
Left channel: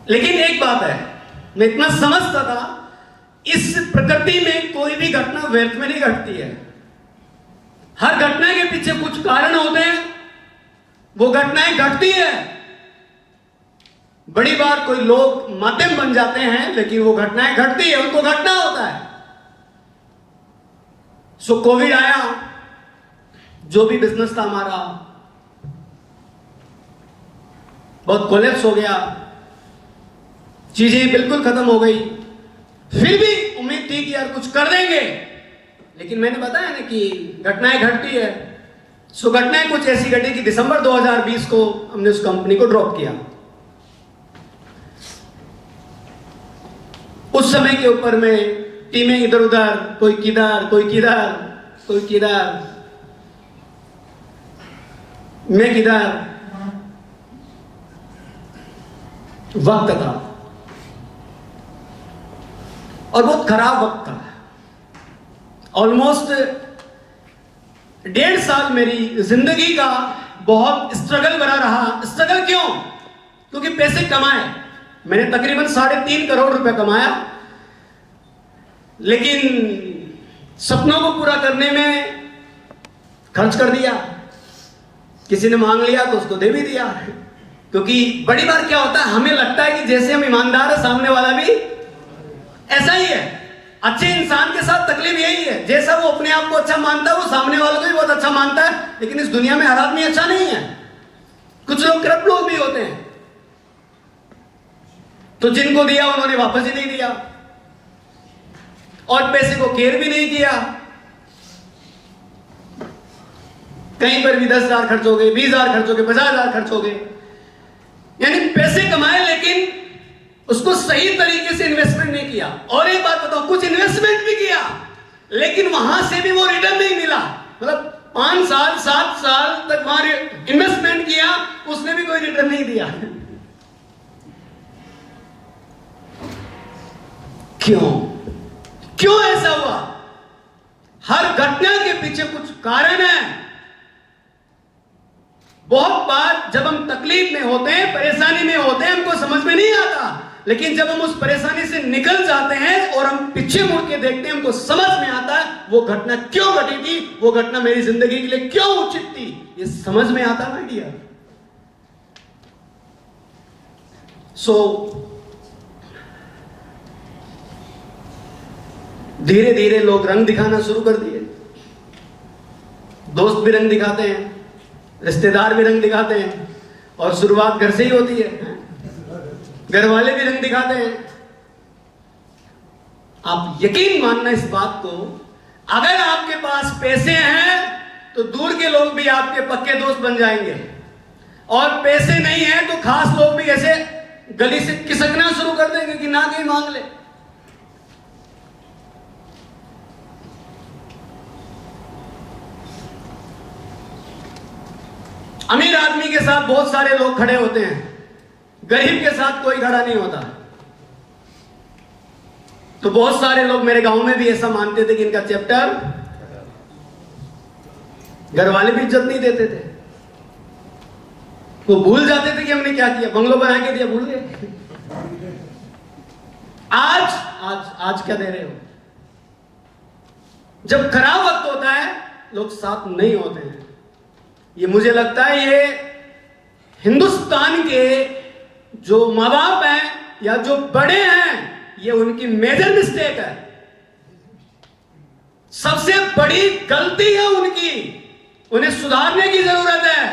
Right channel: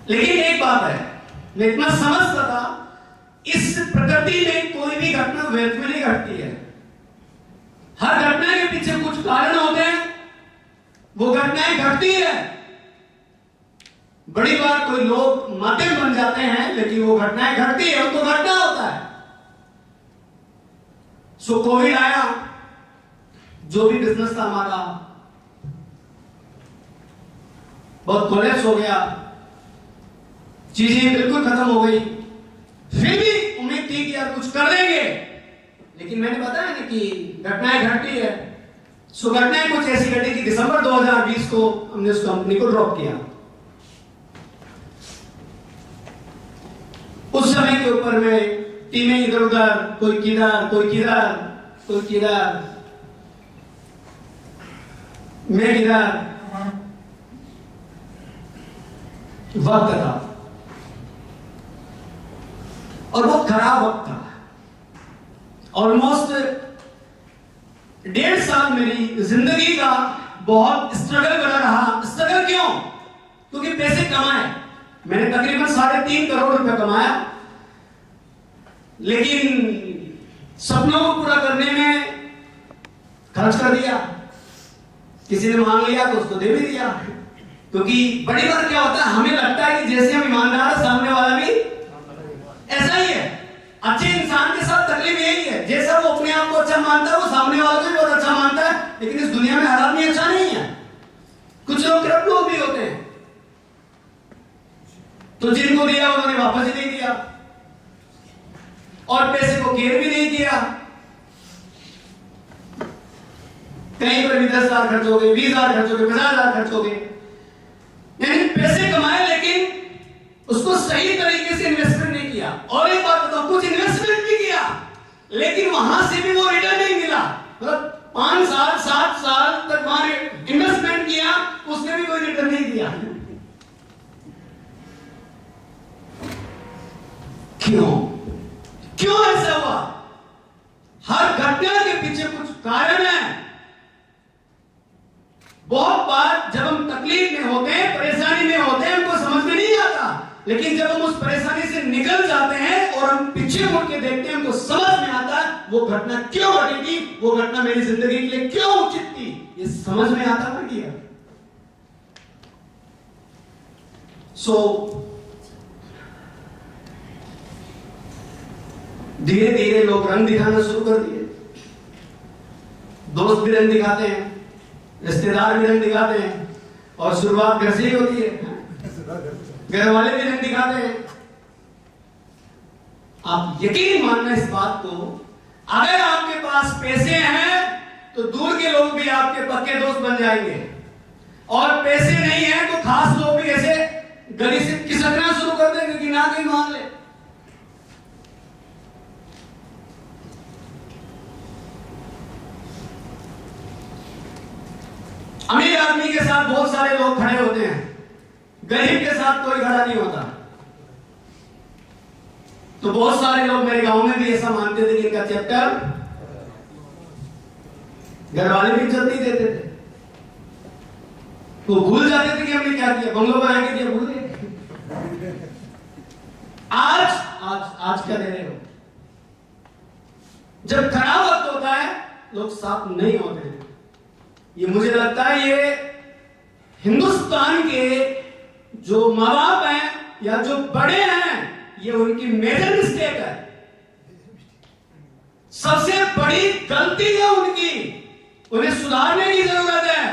लेकिन एक बात है, मैं इतना समझता था, इस प्रकृति में कोई भी घटना व्यर्थ में नहीं घटती है। हर घटना के पीछे कुछ कारण होते हैं, वो घटनाएं घटती है। बड़ी बात कोई लोग माध्यम बन जाते हैं, लेकिन वो घटनाएं घटती है, उनको घटना होता है। सो कोविड आया, जो भी बिजनेस था हमारा बहुत कोलैप्स हो गया, चीजें बिल्कुल खत्म हो गई। फिर भी उम्मीद थी कि यार कुछ कर लेंगे, लेकिन मैंने बताया ना कि घटनाएं घटती है। सो घटनाएं कुछ ऐसी घटी कि दिसंबर 2020 को हमने उस कंपनी को ड्रॉप किया। उस समय के ऊपर में टीमें इधर उधर, कोई किधर कोई किधर कोई किधर, मैं किधर, वक्त था और वो खराब वक्त था। ऑलमोस्ट 1.5 साल मेरी जिंदगी का बहुत स्ट्रगल बना रहा। स्ट्रगल क्यों? क्योंकि पैसे कमाए, मैंने तकरीबन 3.5 करोड़ रुपए कमाया, लेकिन सपनों को पूरा करने में खर्च कर दिया। किसी ने मांग लिया तो उसको दे भी दिया, क्योंकि बड़ी बात क्या होता है, हमें लगता है कि जैसे हम ईमानदार है, सामने वाला भी ऐसा ही है। अच्छे इंसान के साथ तकलीफ यही है, जैसा वो अपने आप को अच्छा मानता है, वो सामने वालों को भी बहुत अच्छा मानता है। लेकिन इस दुनिया में हर आदमी अच्छा नहीं है, कुछ लोग करप्ट लोग भी होते हैं। तो जिनको दिया उन्होंने वापस ही नहीं दिया, और पैसे को केयर भी नहीं किया। कहीं पर भी 10,000 खर्च हो गए, 20,000 खर्च हो गए, 50,000 खर्च हो गए। यानी पैसे कमाए, लेकिन उसको सही तरीके से इन्वेस्टमेंट नहीं किया। और एक बात बताओ, कुछ इन्वेस्टमेंट भी किया, लेकिन वहां से भी वो रिटर्न नहीं मिला। मतलब 5 साल 7 साल तक वहां इन्वेस्टमेंट किया, उसने भी कोई रिटर्न नहीं दिया। क्यों ऐसा हुआ? हर घटना के पीछे कुछ कारण है। बहुत बार जब हम तकलीफ में होते हैं, परेशानी में होते हैं, हमको समझ में नहीं आता, लेकिन जब हम उस परेशानी से निकल जाते हैं और हम पीछे मुड़ के देखते हैं, हमको समझ में आता है वो घटना क्यों घटी थी, वो घटना मेरी जिंदगी के लिए क्यों उचित थी, ये समझ में आता ना दिया। धीरे धीरे लोग रंग दिखाना शुरू कर दिए। दोस्त भी रंग दिखाते हैं, रिश्तेदार भी रंग दिखाते हैं, और शुरुआत घर से ही होती है। घर वाले भी रंग दिखाते हैं। आप यकीन मानना इस बात को, अगर आपके पास पैसे हैं तो दूर के लोग भी आपके पक्के दोस्त बन जाएंगे, और पैसे नहीं है तो खास लोग भी ऐसे गली से खिसकना शुरू कर देंगे कि ना कहीं मांग ले। अमीर आदमी के साथ बहुत सारे लोग खड़े होते हैं, गरीब के साथ कोई खड़ा नहीं होता। तो बहुत सारे लोग मेरे गांव में भी ऐसा मानते थे कि इनका चैप्टर, घर वाले भी इज्जत नहीं देते थे। वो भूल जाते थे कि हमने क्या किया, बंगलों बना के दिया, भूल गए। आज क्या दे रहे हो? जब खराब वक्त होता है लोग साथ नहीं होते हैं। ये मुझे लगता है ये हिंदुस्तान के जो माँ बाप हैं या जो बड़े हैं, ये उनकी मेजर मिस्टेक है, सबसे बड़ी गलती है उनकी, उन्हें सुधारने की जरूरत है।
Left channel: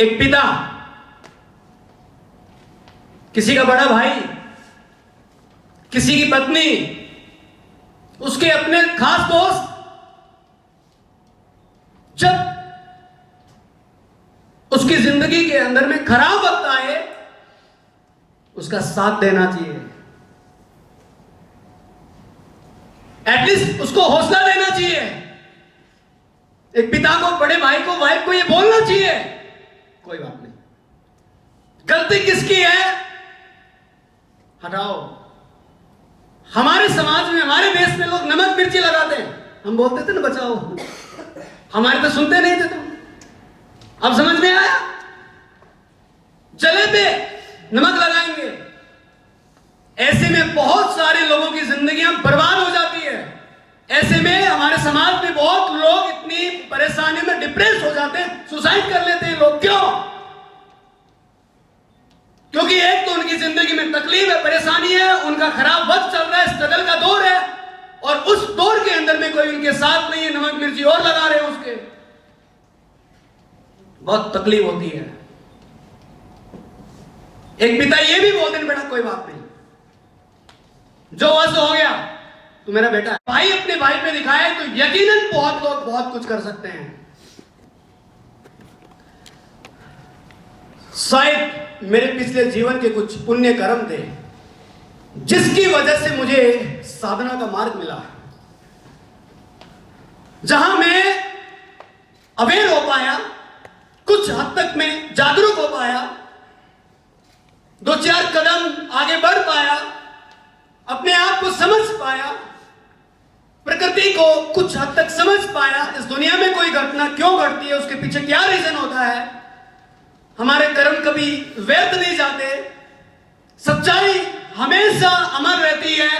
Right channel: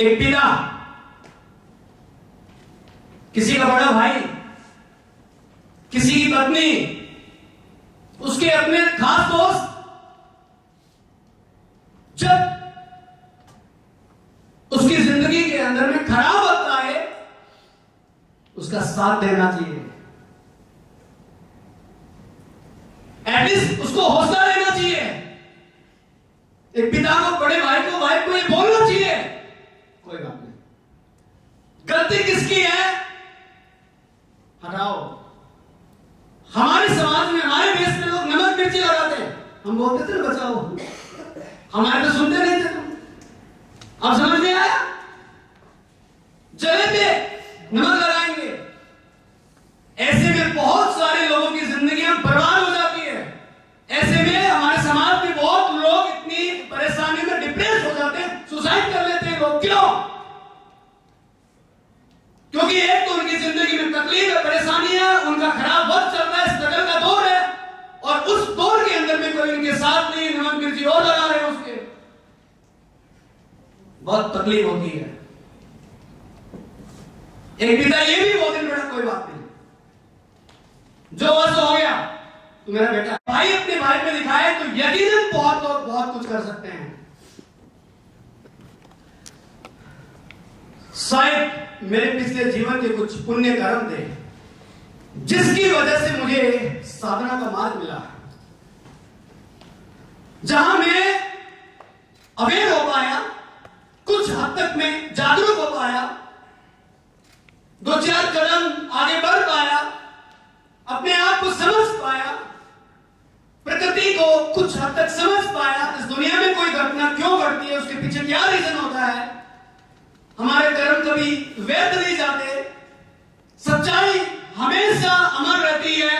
एक पिता, किसी का बड़ा भाई, किसी की पत्नी, उसके अपने खास दोस्त, जब उसकी जिंदगी के अंदर में खराब वक्त आए, उसका साथ देना चाहिए, एटलीस्ट उसको हौसला देना चाहिए। एक पिता को, बड़े भाई को, वाइफ को ये बोलना चाहिए, कोई बात नहीं, गलती किसकी है हटाओ। हमारे समाज में, हमारे देश में लोग नमक मिर्ची लगाते हैं, हम बोलते थे ना बचाओ, हमारे तो सुनते नहीं थे तुम। अब समझ में आया? जले पे नमक लगाएंगे। ऐसे में बहुत सारे लोगों की जिंदगियां बर्बाद हो जाती है। ऐसे में हमारे समाज में बहुत लोग इतनी परेशानी में डिप्रेस हो जाते हैं, सुसाइड कर लेते हैं लोग। क्यों? क्योंकि एक तो उनकी जिंदगी में तकलीफ है, परेशानी है, उनका खराब वक्त चल रहा है, स्ट्रगल का दौर है, और उस दौर के अंदर में कोई उनके साथ नहीं है, नमक मिर्ची और लगा रहे हैं उसके। बहुत तकलीफ होती है। एक पिता ये भी बोलते हैं, बेटा कोई बात नहीं, जो बस हो गया तो मेरा बेटा है। भाई अपने भाई पे दिखाए तो यकीनन बहुत लोग बहुत कुछ कर सकते हैं। शायद मेरे पिछले जीवन के कुछ पुण्य कर्म थे जिसकी वजह से मुझे साधना का मार्ग मिला, जहां मैं अवेयर हो पाया, कुछ हद तक मैं जागरूक हो पाया, दो चार कदम आगे बढ़ पाया, अपने आप को समझ पाया, प्रकृति को कुछ हद तक समझ पाया। इस दुनिया में कोई घटना क्यों घटती है, उसके पीछे क्या रीजन होता है। हमारे कर्म कभी व्यर्थ नहीं जाते, सच्चाई हमेशा अमर रहती है।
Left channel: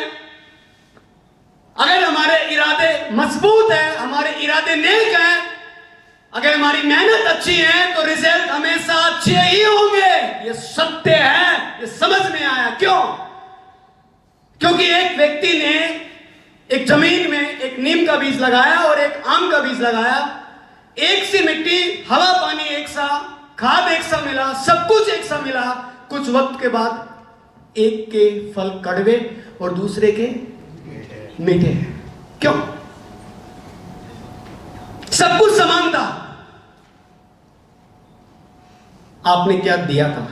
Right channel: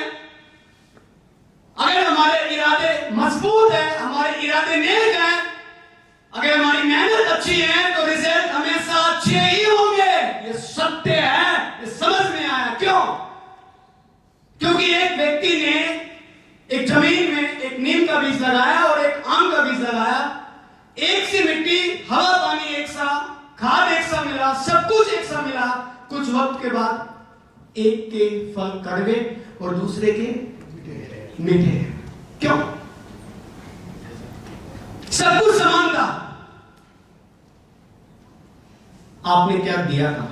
अगर हमारे इरादे मजबूत है, हमारे इरादे नेक हैं, अगर हमारी मेहनत अच्छी है तो रिजल्ट हमेशा अच्छे ही होंगे। ये सत्य है, ये समझ में आया। क्यों? क्योंकि एक व्यक्ति ने एक जमीन में एक नीम का बीज लगाया और एक आम का बीज लगाया। एक सी मिट्टी, हवा पानी एक सा, खाद एक सा मिला, सब कुछ एक सा मिला। कुछ वक्त के बाद एक के फल कड़वे और दूसरे के मीठे। क्यों? सब कुछ समान था। आपने क्या दिया था?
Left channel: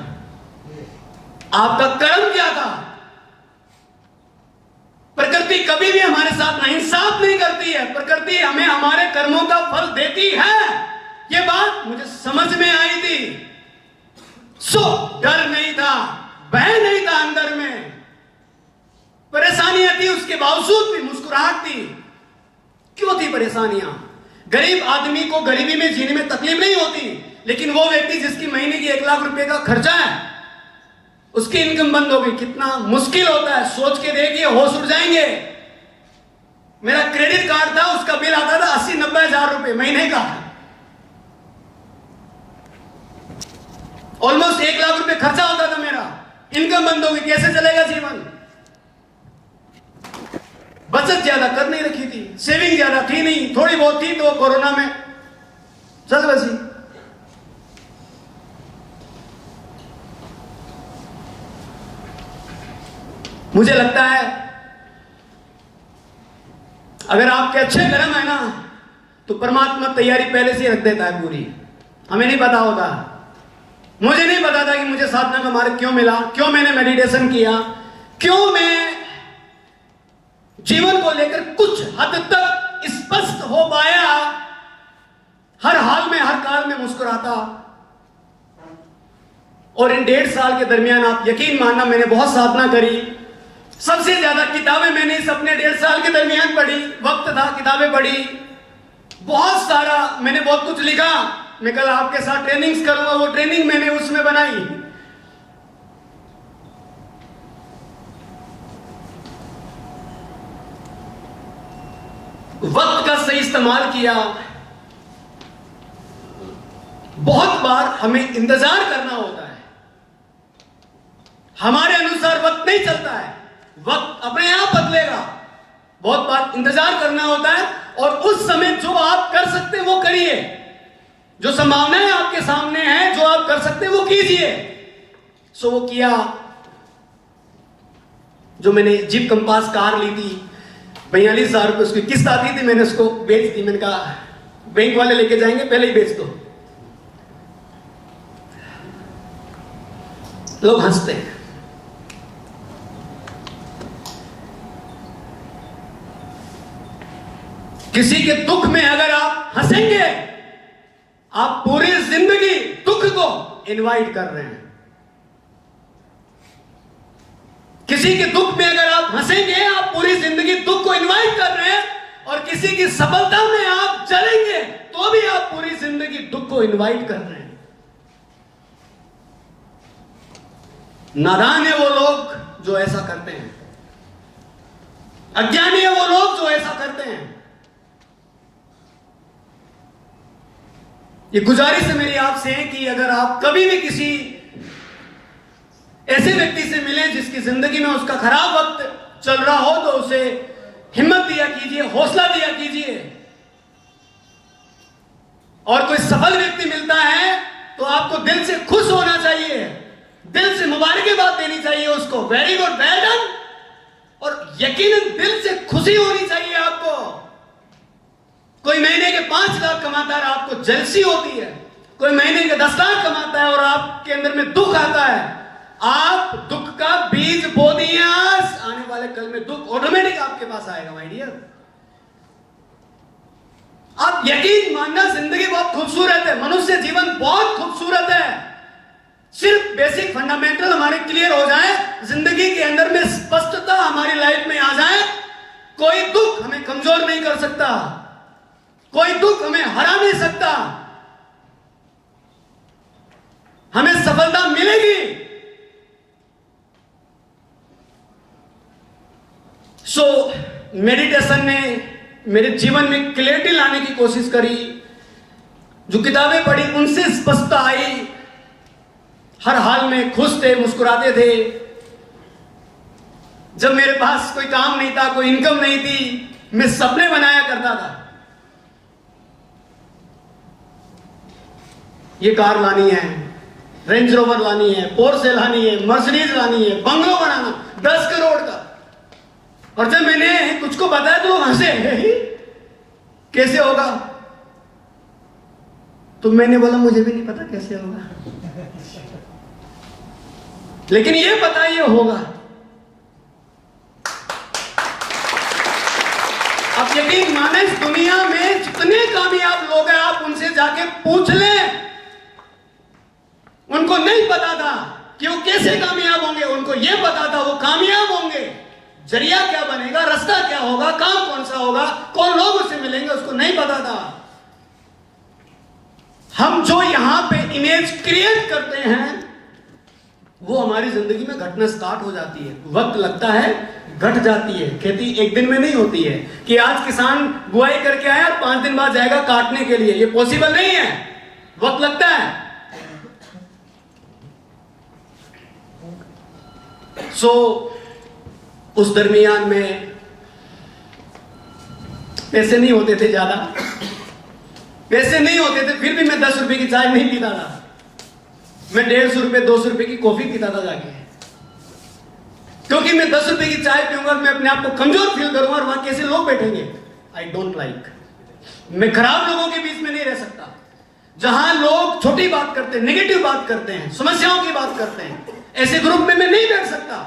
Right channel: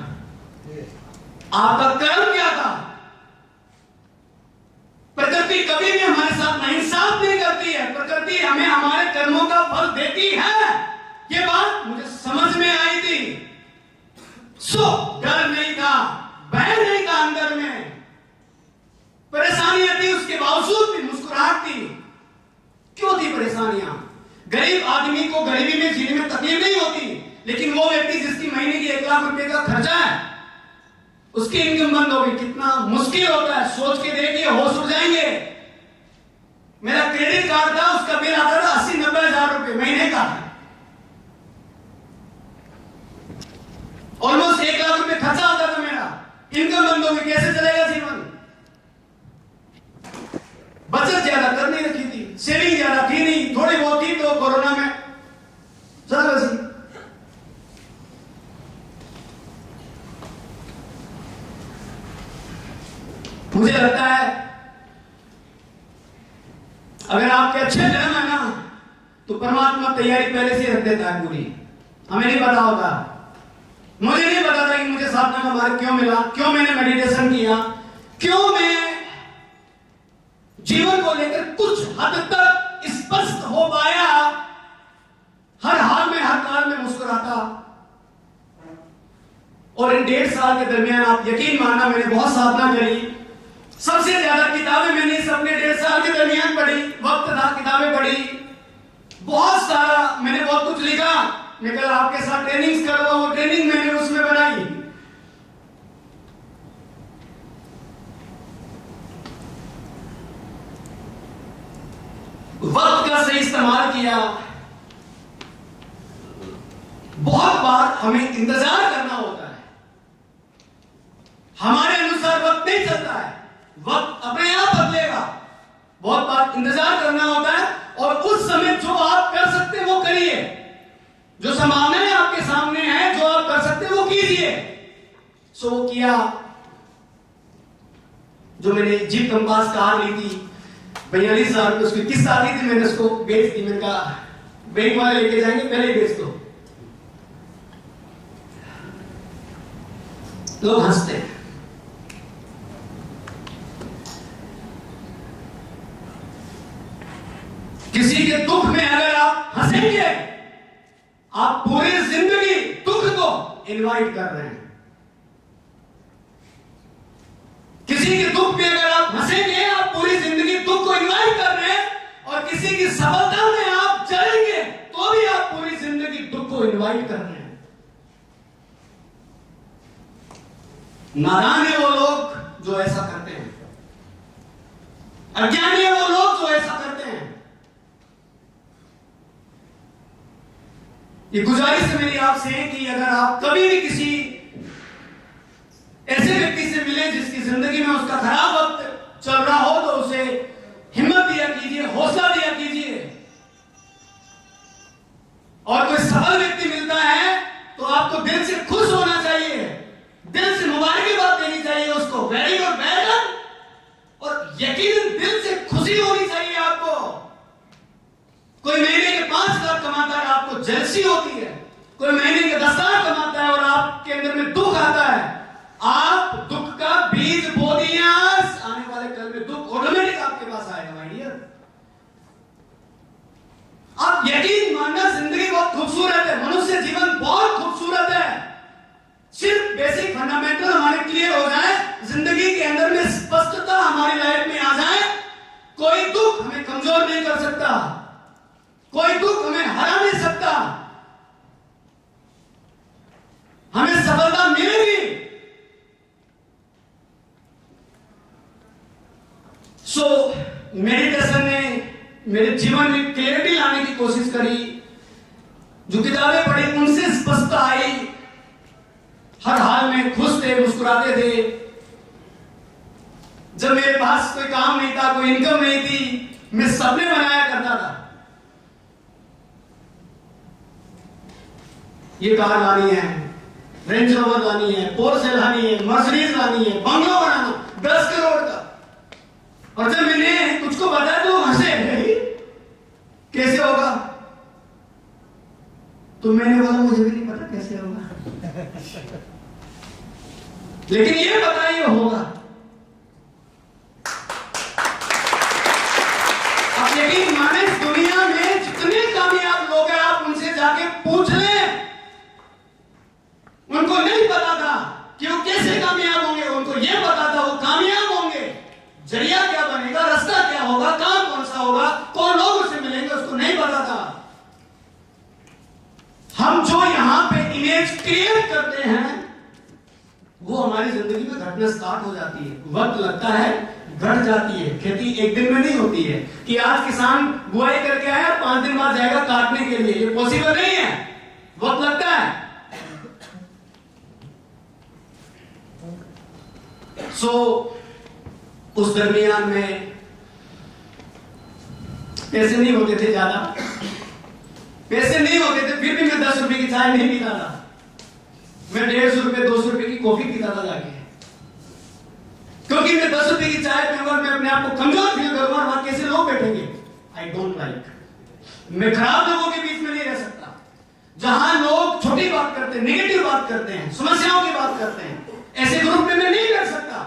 आपका कर्म क्या था? प्रकृति कभी भी हमारे साथ नाइंसाफ नहीं करती है। प्रकृति हमें हमारे कर्मों का फल देती है। ये बात मुझे समझ में आई थी। सो डर नहीं था, भय नहीं था अंदर में, परेशानियां थी, उसके बावजूद भी मुस्कुराहट थी। क्यों थी परेशानियां? गरीब आदमी को गरीबी में जीने में तकलीफ नहीं होती, लेकिन वो व्यक्ति जिसकी महीने की 1 लाख रुपए का खर्चा है, उसकी इनकम बंद हो गई, कितना मुश्किल होता है। सोच के देखिए, होश उड़ जाएंगे। मेरा क्रेडिट कार्ड था, उसका बिल आता था 80-90 हजार रुपए महीने का, ऑलमोस्ट 1 लाख रुपए खर्चा होता था मेरा। इनकम बंद हो गई, कैसे चलेगा जीवन? बचत ज्यादा कर नहीं रखी थी, सेविंग ज्यादा थी नहीं, थोड़ी बहुत थी तो कोरोना में चल रही। मुझे लगता है अगर आपके अच्छे कर्म है ना, तो परमात्मा तैयारी पहले से रख देता है पूरी। हमें नहीं पता होता, मुझे नहीं पता था कि मुझे साधना का मार्ग क्यों मिला, क्यों मैंने मेडिटेशन किया, क्यों मैं जीवन को लेकर कुछ हद तक स्पष्ट हो पाया, हर हाल में हर काल में मुस्कुराता। और इन 1.5 साल के दरमियान आप यकीन मानना, मैंने बहुत साधना करी। सबसे ज्यादा किताबें मैंने इस अपने 1.5 साल के दरमियान पढ़ी। वक्त था, किताबें पढ़ी, बहुत सारा मैंने बहुत कुछ लिखा। मैं कल आपके साथ ट्रेनिंग्स करूंगा, वो ट्रेनिंग मैंने उसमें बनाई। वक्त का सही इस्तेमाल किया। बहुत बार हमें इंतजार करना होता है, हमारे अनुसार वक्त नहीं चलता है, वक्त अपने आप बदलेगा। बहुत बार इंतजार करना होता है, और उस समय जो आप कर सकते हैं वो करिए, जो संभावनाएं आपके सामने हैं, जो आप कर सकते हैं वो कीजिए। सो वो किया। जो मैंने जीप कंपास कार ली थी 42,000 रुपये, उसकी किस्त आती थी, मैंने उसको बेच दी। मैंने कहा बैंक वाले लेके जाएंगे, पहले ही बेच दो। लोग हंसते हैं। किसी के दुख में अगर आप हंसेंगे, आप पूरी जिंदगी दुख को इनवाइट कर रहे हैं। किसी के दुख में अगर आप हंसेंगे, आप पूरी जिंदगी दुख को इनवाइट कर रहे हैं, और किसी की सफलता में आप आप जलेंगे तो भी आप पूरी जिंदगी दुख को इनवाइट कर रहे हैं। नादान है वो लोग जो ऐसा करते हैं, अज्ञानी है वो लोग जो ऐसा करते हैं। ये गुजारिश है मेरी आपसे कि अगर आप कभी भी किसी ऐसे व्यक्ति से मिले जिसकी जिंदगी में उसका खराब वक्त चल रहा हो तो उसे हिम्मत दिया कीजिए, हौसला दिया कीजिए। और कोई सफल व्यक्ति मिलता है तो आपको दिल से खुश होना चाहिए, दिल से मुबारकबाद देनी चाहिए उसको, वेरी गुड, वेल डन। और यकीनन दिल से खुशी होनी चाहिए आपको। कोई महीने के 5 लाख कमाता है, आपको जेलसी होती है। कोई महीने के 10 लाख कमाता है और आपके अंदर में दुख आता है, आप दुख का बीज बो दिए आज, आने वाले कल में दुख ऑटोमेटिक आपके पास आएगा माय डियर। आप यकीन मानना, जिंदगी बहुत खूबसूरत है, मनुष्य जीवन बहुत खूबसूरत है। सिर्फ बेसिक फंडामेंटल हमारे क्लियर हो जाए, जिंदगी के अंदर में स्पष्टता हमारी लाइफ में आ जाए, कोई दुख हमें कमजोर नहीं कर सकता, कोई दुख हमें हरा नहीं सकता, हमें सफलता मिलेगी। मेडिटेशन ने मेरे जीवन में क्लैरिटी लाने की कोशिश करी। जो किताबें पढ़ी उनसे स्पष्टता आई, हर हाल में खुश थे, मुस्कुराते थे। जब मेरे पास कोई काम नहीं था, कोई इनकम नहीं थी, मैं सपने बनाया करता था, ये कार लानी है, रेंज रोवर लानी है, पोर्शे लानी है, मर्सिडीज लानी है, बंगलो बनाना 10 करोड़ का। और जब मैंने कुछ को बताया तो हंसे, कैसे होगा? तो मैंने बोला मुझे भी नहीं पता कैसे होगा, लेकिन ये बताइए होगा। आप यकीन माने, इस दुनिया में जितने कामयाब लोग हैं आप उनसे जाके पूछ लें, उनको नहीं पता था कि वो कैसे कामयाब होंगे, उनको ये पता था वो कामयाब होंगे, जरिया क्या बनेगा, रास्ता क्या होगा, काम कौन सा होगा, कौन लोग उससे मिलेंगे, उसको नहीं पता था। हम जो यहां पे इमेज क्रिएट करते हैं वो हमारी जिंदगी में घटना स्टार्ट हो जाती है, वक्त लगता है, घट जाती है। खेती एक दिन में नहीं होती है कि आज किसान बुआई करके आया 5 दिन बाद जाएगा काटने के लिए, ये पॉसिबल नहीं है, वक्त लगता है। उस दरमियान में पैसे नहीं होते थे, ज्यादा पैसे नहीं होते थे, फिर भी मैं 10 रुपए की चाय नहीं पीता था, मैं 150 रुपए 200 रुपए की कॉफी पीता था जाके, क्योंकि मैं 10 रुपए की चाय पीऊंगा मैं अपने आप को कमजोर फील करूंगा और वहां कैसे लोग बैठेंगे, आई डोंट लाइक। मैं खराब लोगों के बीच में नहीं रह सकता, जहां लोग छोटी बात करते हैं, नेगेटिव बात करते हैं, समस्याओं की बात करते हैं, ऐसे ग्रुप में मैं नहीं बैठ सकता।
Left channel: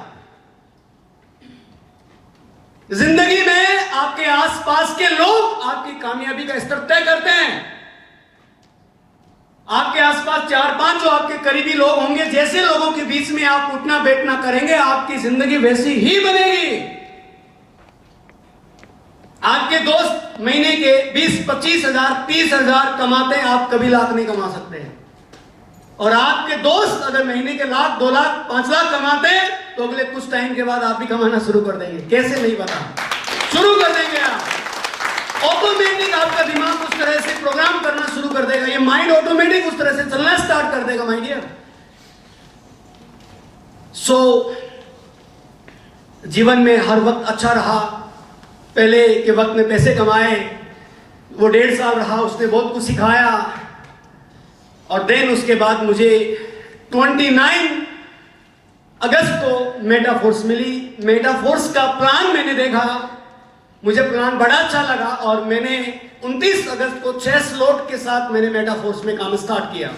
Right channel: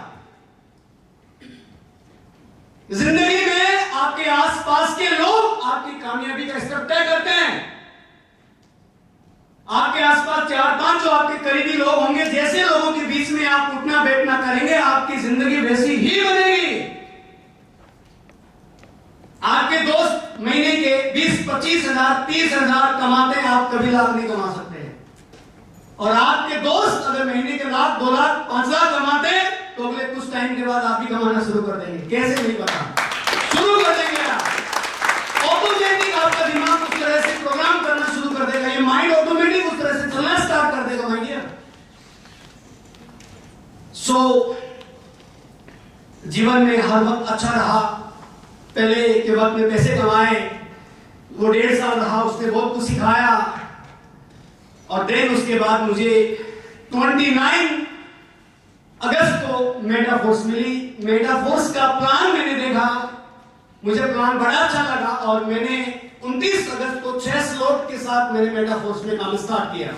जिंदगी में आपके आसपास के लोग आपकी कामयाबी का स्तर तय करते हैं। आपके आसपास 4-5 जो आपके करीबी लोग होंगे, जैसे लोगों के बीच में आप उठना बैठना करेंगे, आपकी जिंदगी वैसी ही बनेगी। आपके दोस्त महीने के 20-25 हजार 30 हजार कमाते हैं, आप कभी लाख नहीं कमा सकते हैं। और आपके दोस्त अगर महीने के लाख 2 लाख 5 लाख कमाते हैं तो अगले कुछ टाइम के बाद आप भी कमाना शुरू कर देंगे, कैसे नहीं पता, शुरू कर देंगे आप। ऑटोमेटिक आपका दिमाग उस तरह से प्रोग्राम करना शुरू कर देगा, ये माइंड ऑटोमेटिक उस तरह से चलना स्टार्ट कर देगा माय डियर। जीवन में हर वक्त अच्छा रहा। पहले के वक्त में पैसे कमाए, वो 1.5 साल रहा, उसने बहुत कुछ सिखाया। और देन उसके बाद मुझे 29 अगस्त को मेटाफोर्स मिली। मेटाफोर्स का प्लान मैंने देखा, मुझे प्लान बड़ा अच्छा लगा और मैंने 29 अगस्त को 6 स्लॉट के साथ मैंने मेटाफोर्स में काम स्टार्ट किया।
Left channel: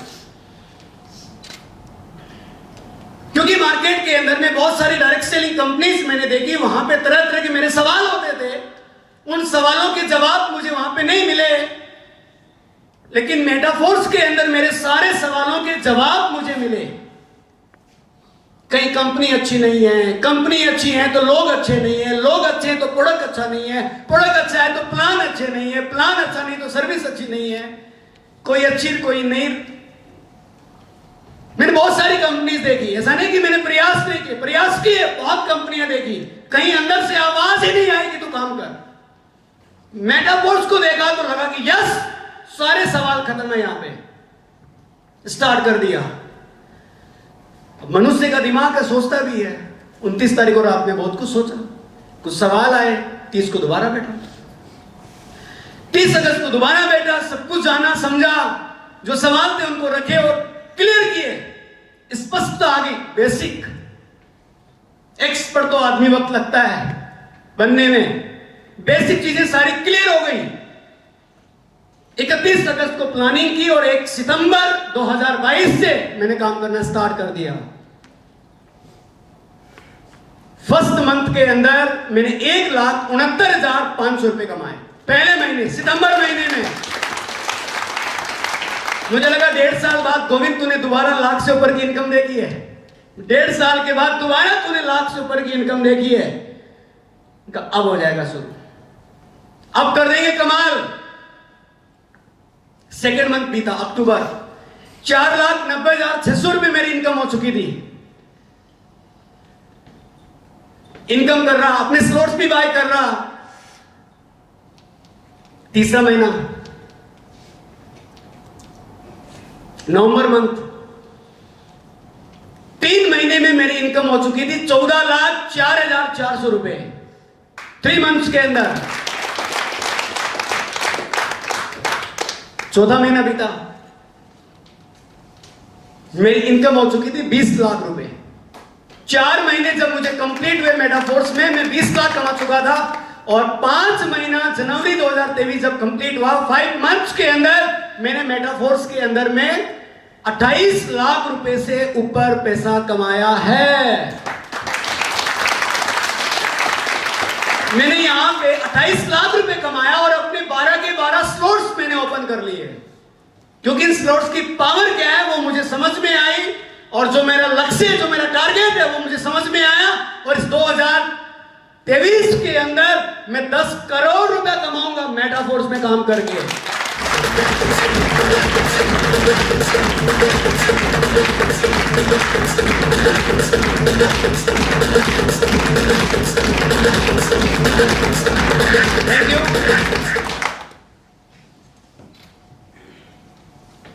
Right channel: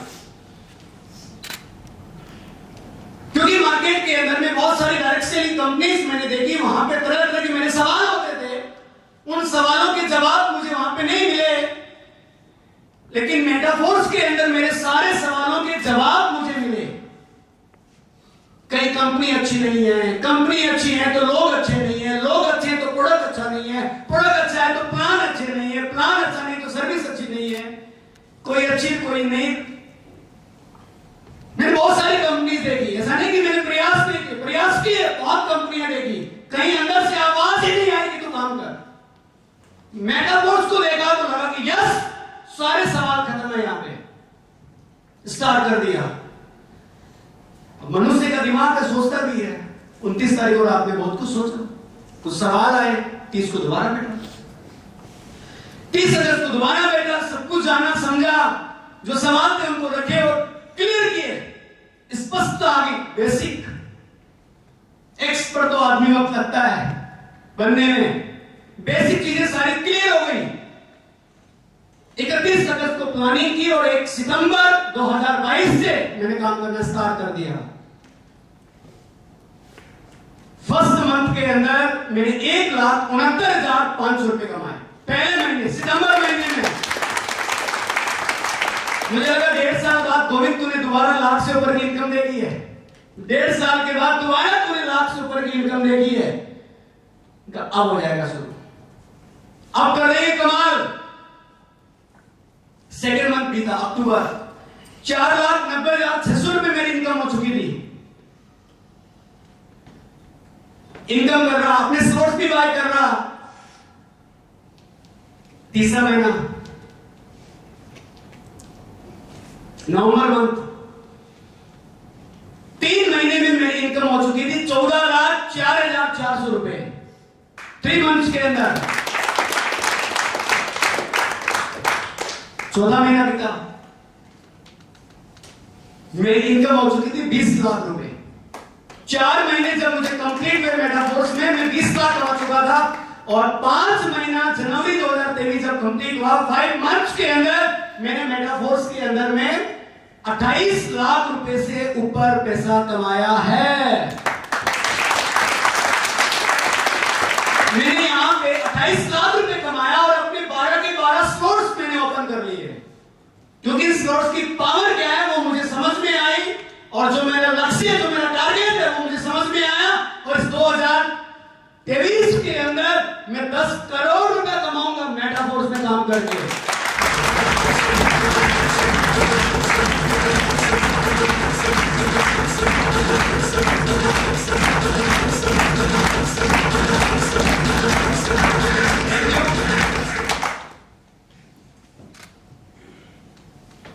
क्योंकि मार्केट के अंदर में बहुत सारी डायरेक्ट सेलिंग कंपनीज मैंने देखी, वहां पे तरह तरह के मेरे सवाल होते थे, उन सवालों के जवाब मुझे वहां पे नहीं मिले, लेकिन मेटाफोर्स के अंदर मेरे सारे सवालों के जवाब मुझे मिले। कहीं कंपनी अच्छी नहीं है, कंपनी अच्छी है तो लोग अच्छे नहीं है, लोग अच्छे हैं तो प्रोडक्ट अच्छा नहीं है, प्रोडक्ट अच्छा है तो प्लान अच्छे नहीं है, प्लान अच्छा नहीं तो सर्विस अच्छी नहीं है, कोई अच्छी कोई नहीं। मैंने बहुत सारी कंपनीज देखी, ऐसा नहीं कि मैंने प्रयास नहीं किए, प्रयास किए, बहुत कंपनियां देखी, कहीं अंदर से आवाज ही नहीं आई कि तू काम कर। मेटाफोर्स को देखा तो लगा कि यस, सारे सवाल खत्म है, यहां पे स्टार्ट कर दिया। मनुष्य का दिमाग का सोचता भी है। 29 तारीख को रात में बहुत कुछ सोचा, कुछ सवाल आए, 30 को दोबारा बैठा, 30 अगस्त को दोबारा बैठा, सब कुछ जाना समझा, जो सवाल थे उनको रखे और क्लियर किए, स्पष्टता आ गई। बेसिक एक्सपर्ट तो आदमी वक्त लगता है बनने में, बेसिक चीजें सारी क्लियर हो गई। 31 अगस्त को प्लानिंग की और 1 सितंबर 2022 से मैंने काम करना स्टार्ट कर दिया। फर्स्ट मंथ के अंदर मैंने 1,69,500 रुपए कमाए, पहले महीने, सितंबर महीने में। मुझे लगा 1.5 साल बाद गोविंद तूने दोबारा लाख से ऊपर की इनकम देखी है, 1.5 साल के बाद दोबारा तूने लाख से ऊपर की इनकम देखी है, अब हो जाएगा शुरू, अब कर देंगे कमाल। सेकेंड मंथ बीता, अक्टूबर, 4,90,600 रुपए मेरी इनकम हो चुकी थी। इनकम कर रहा, अपने स्लॉट्स भी बाय कर रहा। तीसरा महीना, नवंबर मंथ, 3 महीने में मेरी इनकम हो चुकी थी 14,04,400 रुपए, 3 मंथ्स के अंदर। चौथा महीना बीता, मेरी इनकम हो चुकी थी 20 लाख रुपए। 4 महीने जब मुझे कंप्लीट हुए मेटाफोर्स में, मैं 20 लाख कमा चुका था। और 5 महीना जनवरी 2023 जब कंप्लीट हुआ, 5 मंथ्स के अंदर मैंने मेटाफोर्स के अंदर में 28 लाख रुपए से ऊपर पैसा कमाया है। मैंने यहां पे 28 लाख रुपए कमाया और अपने 12 के 12 स्लॉट्स मैंने ओपन कर लिए, क्योंकि इन स्लॉट्स की पावर क्या है वो मुझे समझ में आई, और जो मेरा लक्ष्य, जो मेरा टारगेट है वो मुझे समझ में आया। और इस 2023 के अंदर मैं 10 करोड़ रुपए कमाऊंगा मेटाफोर्स में काम करके।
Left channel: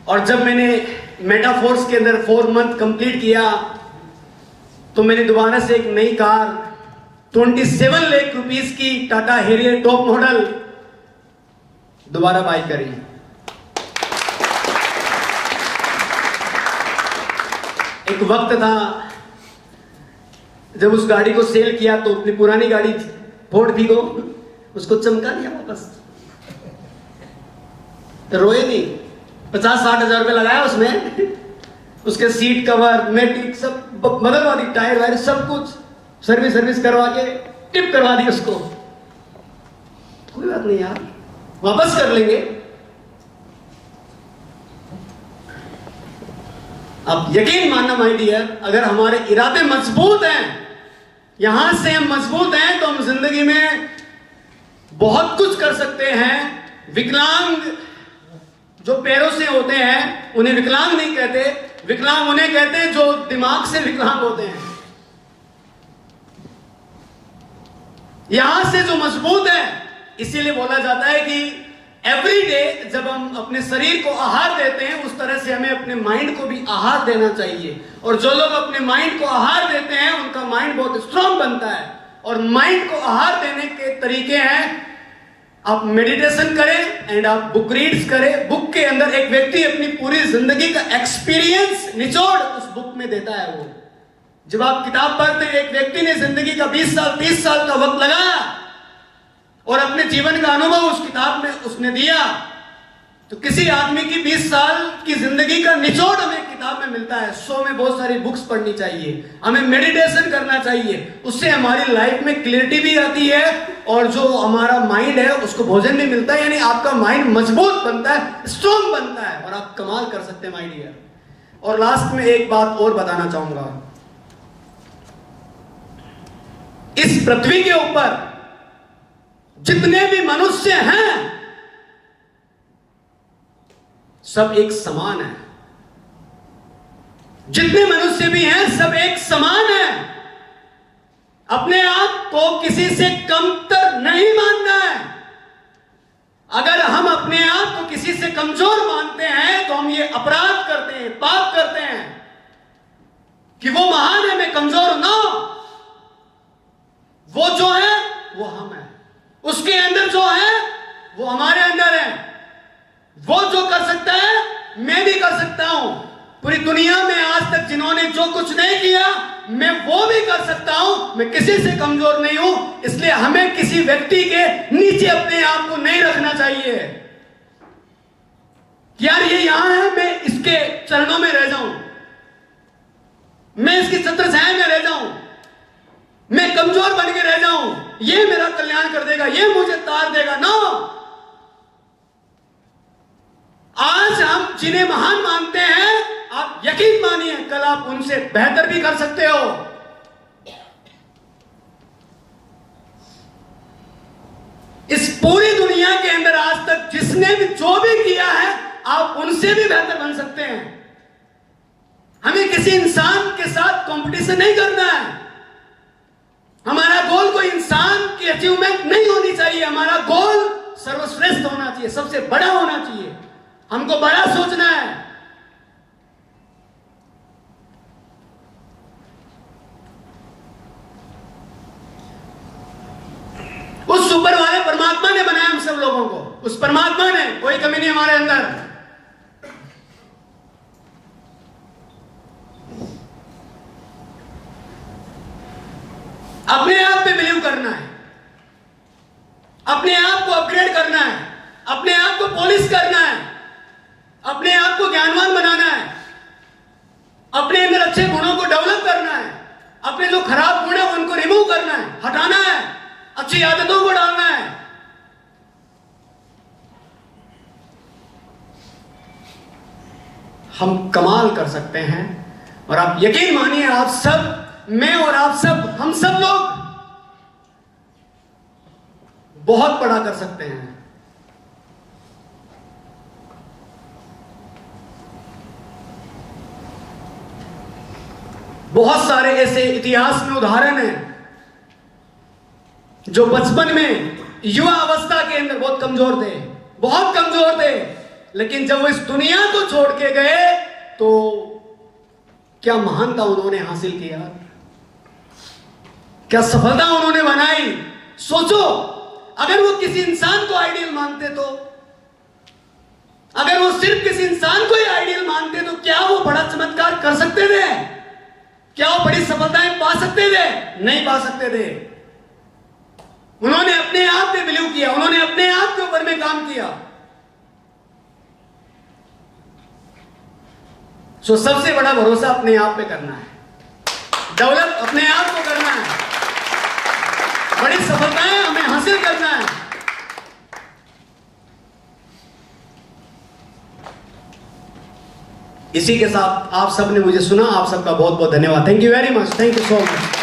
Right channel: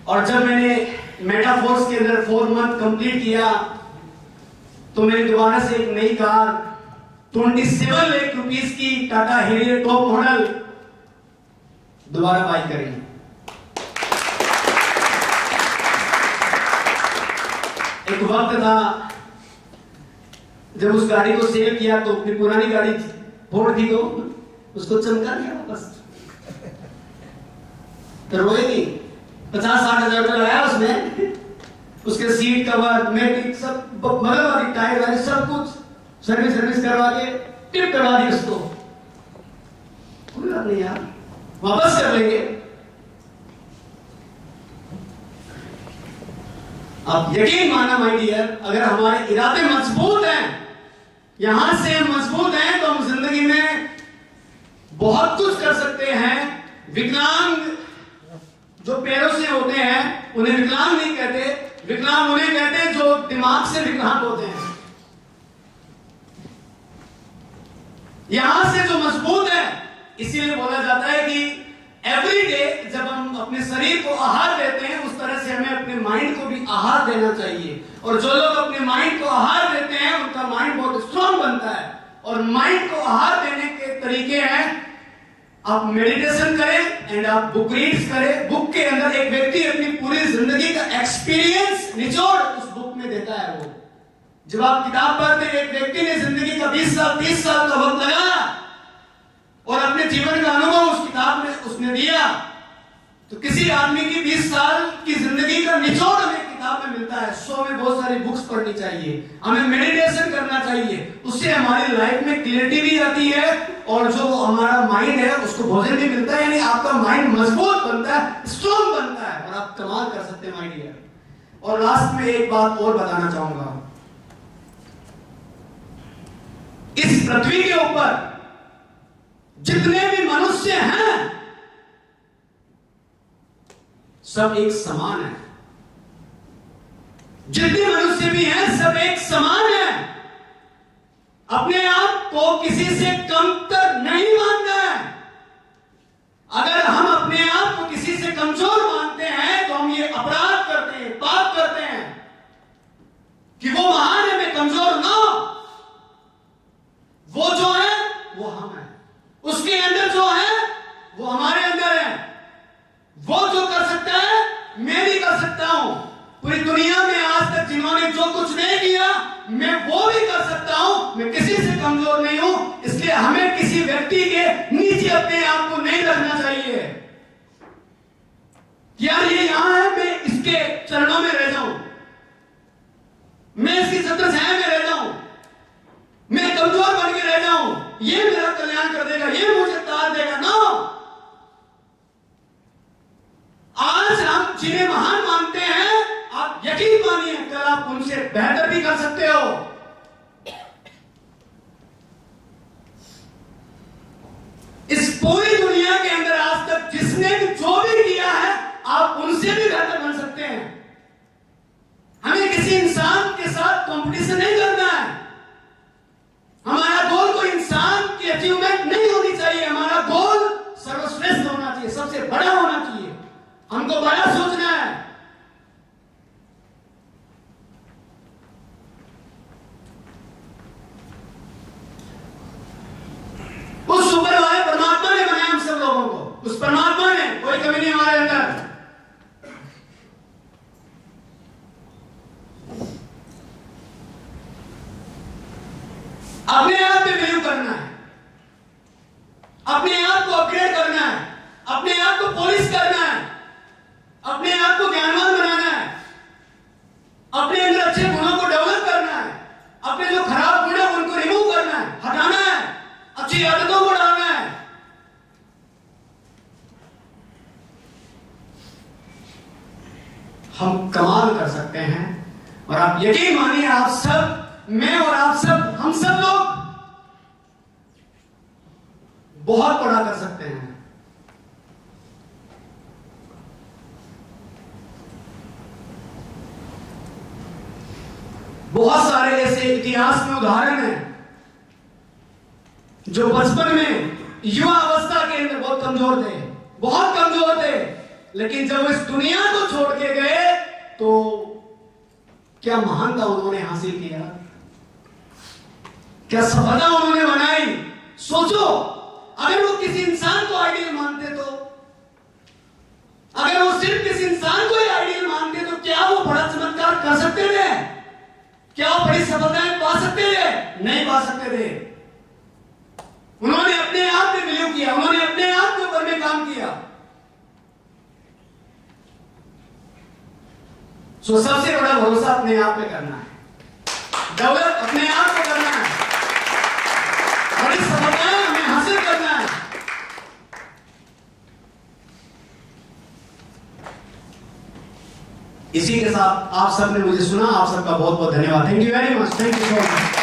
और जब मैंने मेटाफोर्स के अंदर 4 मंथ कंप्लीट किया तो मैंने दोबारा से एक नई कार 27 लाख रुपीस की टाटा हेरियर टॉप मॉडल दोबारा बाय करी। एक वक्त था जब उस गाड़ी को सेल किया तो अपनी पुरानी गाड़ी फोड़ दी तो उसको चमका दिया वापस, तो रोए नहीं। 50-60 हजार रुपया लगाया उसने, उसके सीट कवर, मैटिक सब बदलवा दी, टायर वायर सब कुछ सर्विस करवा के टिप करवा दी उसको। कोई बात नहीं यार, वापस कर लेंगे। अब यकीन मानना माय डियर, अगर हमारे इरादे मजबूत हैं, यहां से हम मजबूत हैं, तो हम जिंदगी में बहुत कुछ कर सकते हैं। विकलांग जो पैरों से होते हैं उन्हें विकलांग नहीं कहते, विकलांग उन्हें कहते हैं जो दिमाग से विकलांग होते हैं। यहां से जो मजबूत है, इसीलिए बोला जाता है कि एवरी डे जब हम अपने शरीर को आहार देते हैं, उस तरह से हमें अपने माइंड को भी आहार देना चाहिए। और जो लोग अपने माइंड को आहार देते हैं उनका माइंड बहुत स्ट्रांग बनता है। और माइंड को आहार देने के तरीके हैं, आप मेडिटेशन करें एंड आप बुक रीड्स करें। बुक के अंदर एक व्यक्ति अपनी पूरी जिंदगी का एक्सपीरियंस निचोड़ उस बुक में देता है। वो जब आप किताब पढ़ते हैं, एक व्यक्ति ने जिंदगी का 20 साल 30 साल का वक्त लगाया और अपने जीवन का अनुभव उस किताब में उसने दिया, तो किसी आदमी की 20 साल की जिंदगी का निचोड़ हमें किताब में मिलता है। सो हमें बहुत सारी बुक्स पढ़नी चाहिए, हमें मेडिटेशन करना चाहिए, उससे हमारी लाइफ में क्लियरिटी भी आती है और जो हमारा माइंड है उसको भोजन भी मिलता है, यानी आपका माइंड मजबूत बनता है, स्ट्रॉन्ग बनता है और आप कमाल कर सकते हैं माय डियर। और लास्ट में एक बात और बताना चाहूंगा, इस पृथ्वी के ऊपर जितने भी मनुष्य हैं सब एक समान है। जितने मनुष्य भी हैं सब एक समान है। अपने आप को किसी से कमतर नहीं मानना है। अगर हम अपने आप को किसी से कमजोर मानते हैं तो हम ये अपराध करते हैं, पाप करते हैं कि वो महान है, मैं कमजोर ना। वो जो है वो हम है, उसके अंदर जो है वो हमारे अंदर है। वो जो कर सकता है मैं भी कर सकता हूं। पूरी दुनिया में आज तक जिन्होंने जो कुछ नहीं किया मैं वो भी कर सकता हूं। मैं किसी से कमजोर नहीं हूं, इसलिए हमें किसी व्यक्ति के नीचे अपने आप को नहीं रखना चाहिए। यार ये यहां है, मैं इसके चरणों में रह जाऊं, मैं इसकी छत्रछाया में रह जाऊं, मैं कमजोर बन के रह जाऊं, ये मेरा कल्याण कर देगा, ये मुझे तार देगा। नो, आज हम जिन्हें महान मानते हैं आप यकीन मानिए कल आप उनसे बेहतर भी कर सकते हो। इस पूरी दुनिया के अंदर आज तक जिसने भी जो भी किया है आप उनसे भी बेहतर बन सकते हैं। हमें किसी इंसान के साथ कंपटीशन नहीं करना है। हमारा गोल कोई इंसान की अचीवमेंट नहीं होनी चाहिए। हमारा गोल सर्वश्रेष्ठ होना चाहिए, सबसे बड़ा होना चाहिए। हमको बड़ा सोचना है। उस ऊपर वाले परमात्मा ने बनाया हम सब लोगों को। उस परमात्मा ने, कोई कमी नहीं हमारे अंदर। अपने आप पे बिलीव करना है, अपने आप को अपग्रेड करना है, अपने आप को पॉलिश करना है, अपने आप को ज्ञानवान बनाना है, अपने अंदर अच्छे गुणों को डेवलप करना है, अपने जो खराब गुण है उनको रिमूव करना है, हटाना है, अच्छी आदतों को डालना है। हम कमाल कर सकते हैं। और आप यकीन मानिए आप सब, मैं और आप सब, हम सब लोग बहुत बड़ा कर सकते हैं। बहुत सारे ऐसे इतिहास में उदाहरण हैं जो बचपन में, युवा अवस्था के अंदर बहुत कमजोर थे, बहुत कमजोर थे, लेकिन जब वो इस दुनिया को छोड़ के गए तो क्या महानता उन्होंने हासिल किया, क्या सफलता उन्होंने बनाई। सोचो, अगर वो किसी इंसान को आइडियल मानते तो, अगर वो सिर्फ किसी इंसान को ही आइडियल मानते तो क्या वो बड़ा चमत्कार कर सकते थे? क्या वो बड़ी सफलताएं पा सकते थे? नहीं पा सकते थे। उन्होंने अपने आप पे बिलीव किया, उन्होंने अपने आप के ऊपर में काम किया। सो सबसे बड़ा भरोसा अपने आप पे करना है, डेवलप अपने आप को करना है, बड़ी सफलताएं हमें हासिल करना है। इसी के साथ आप सबने मुझे सुना, आप सबका बहुत बहुत धन्यवाद। Thank you very much, thank you so much.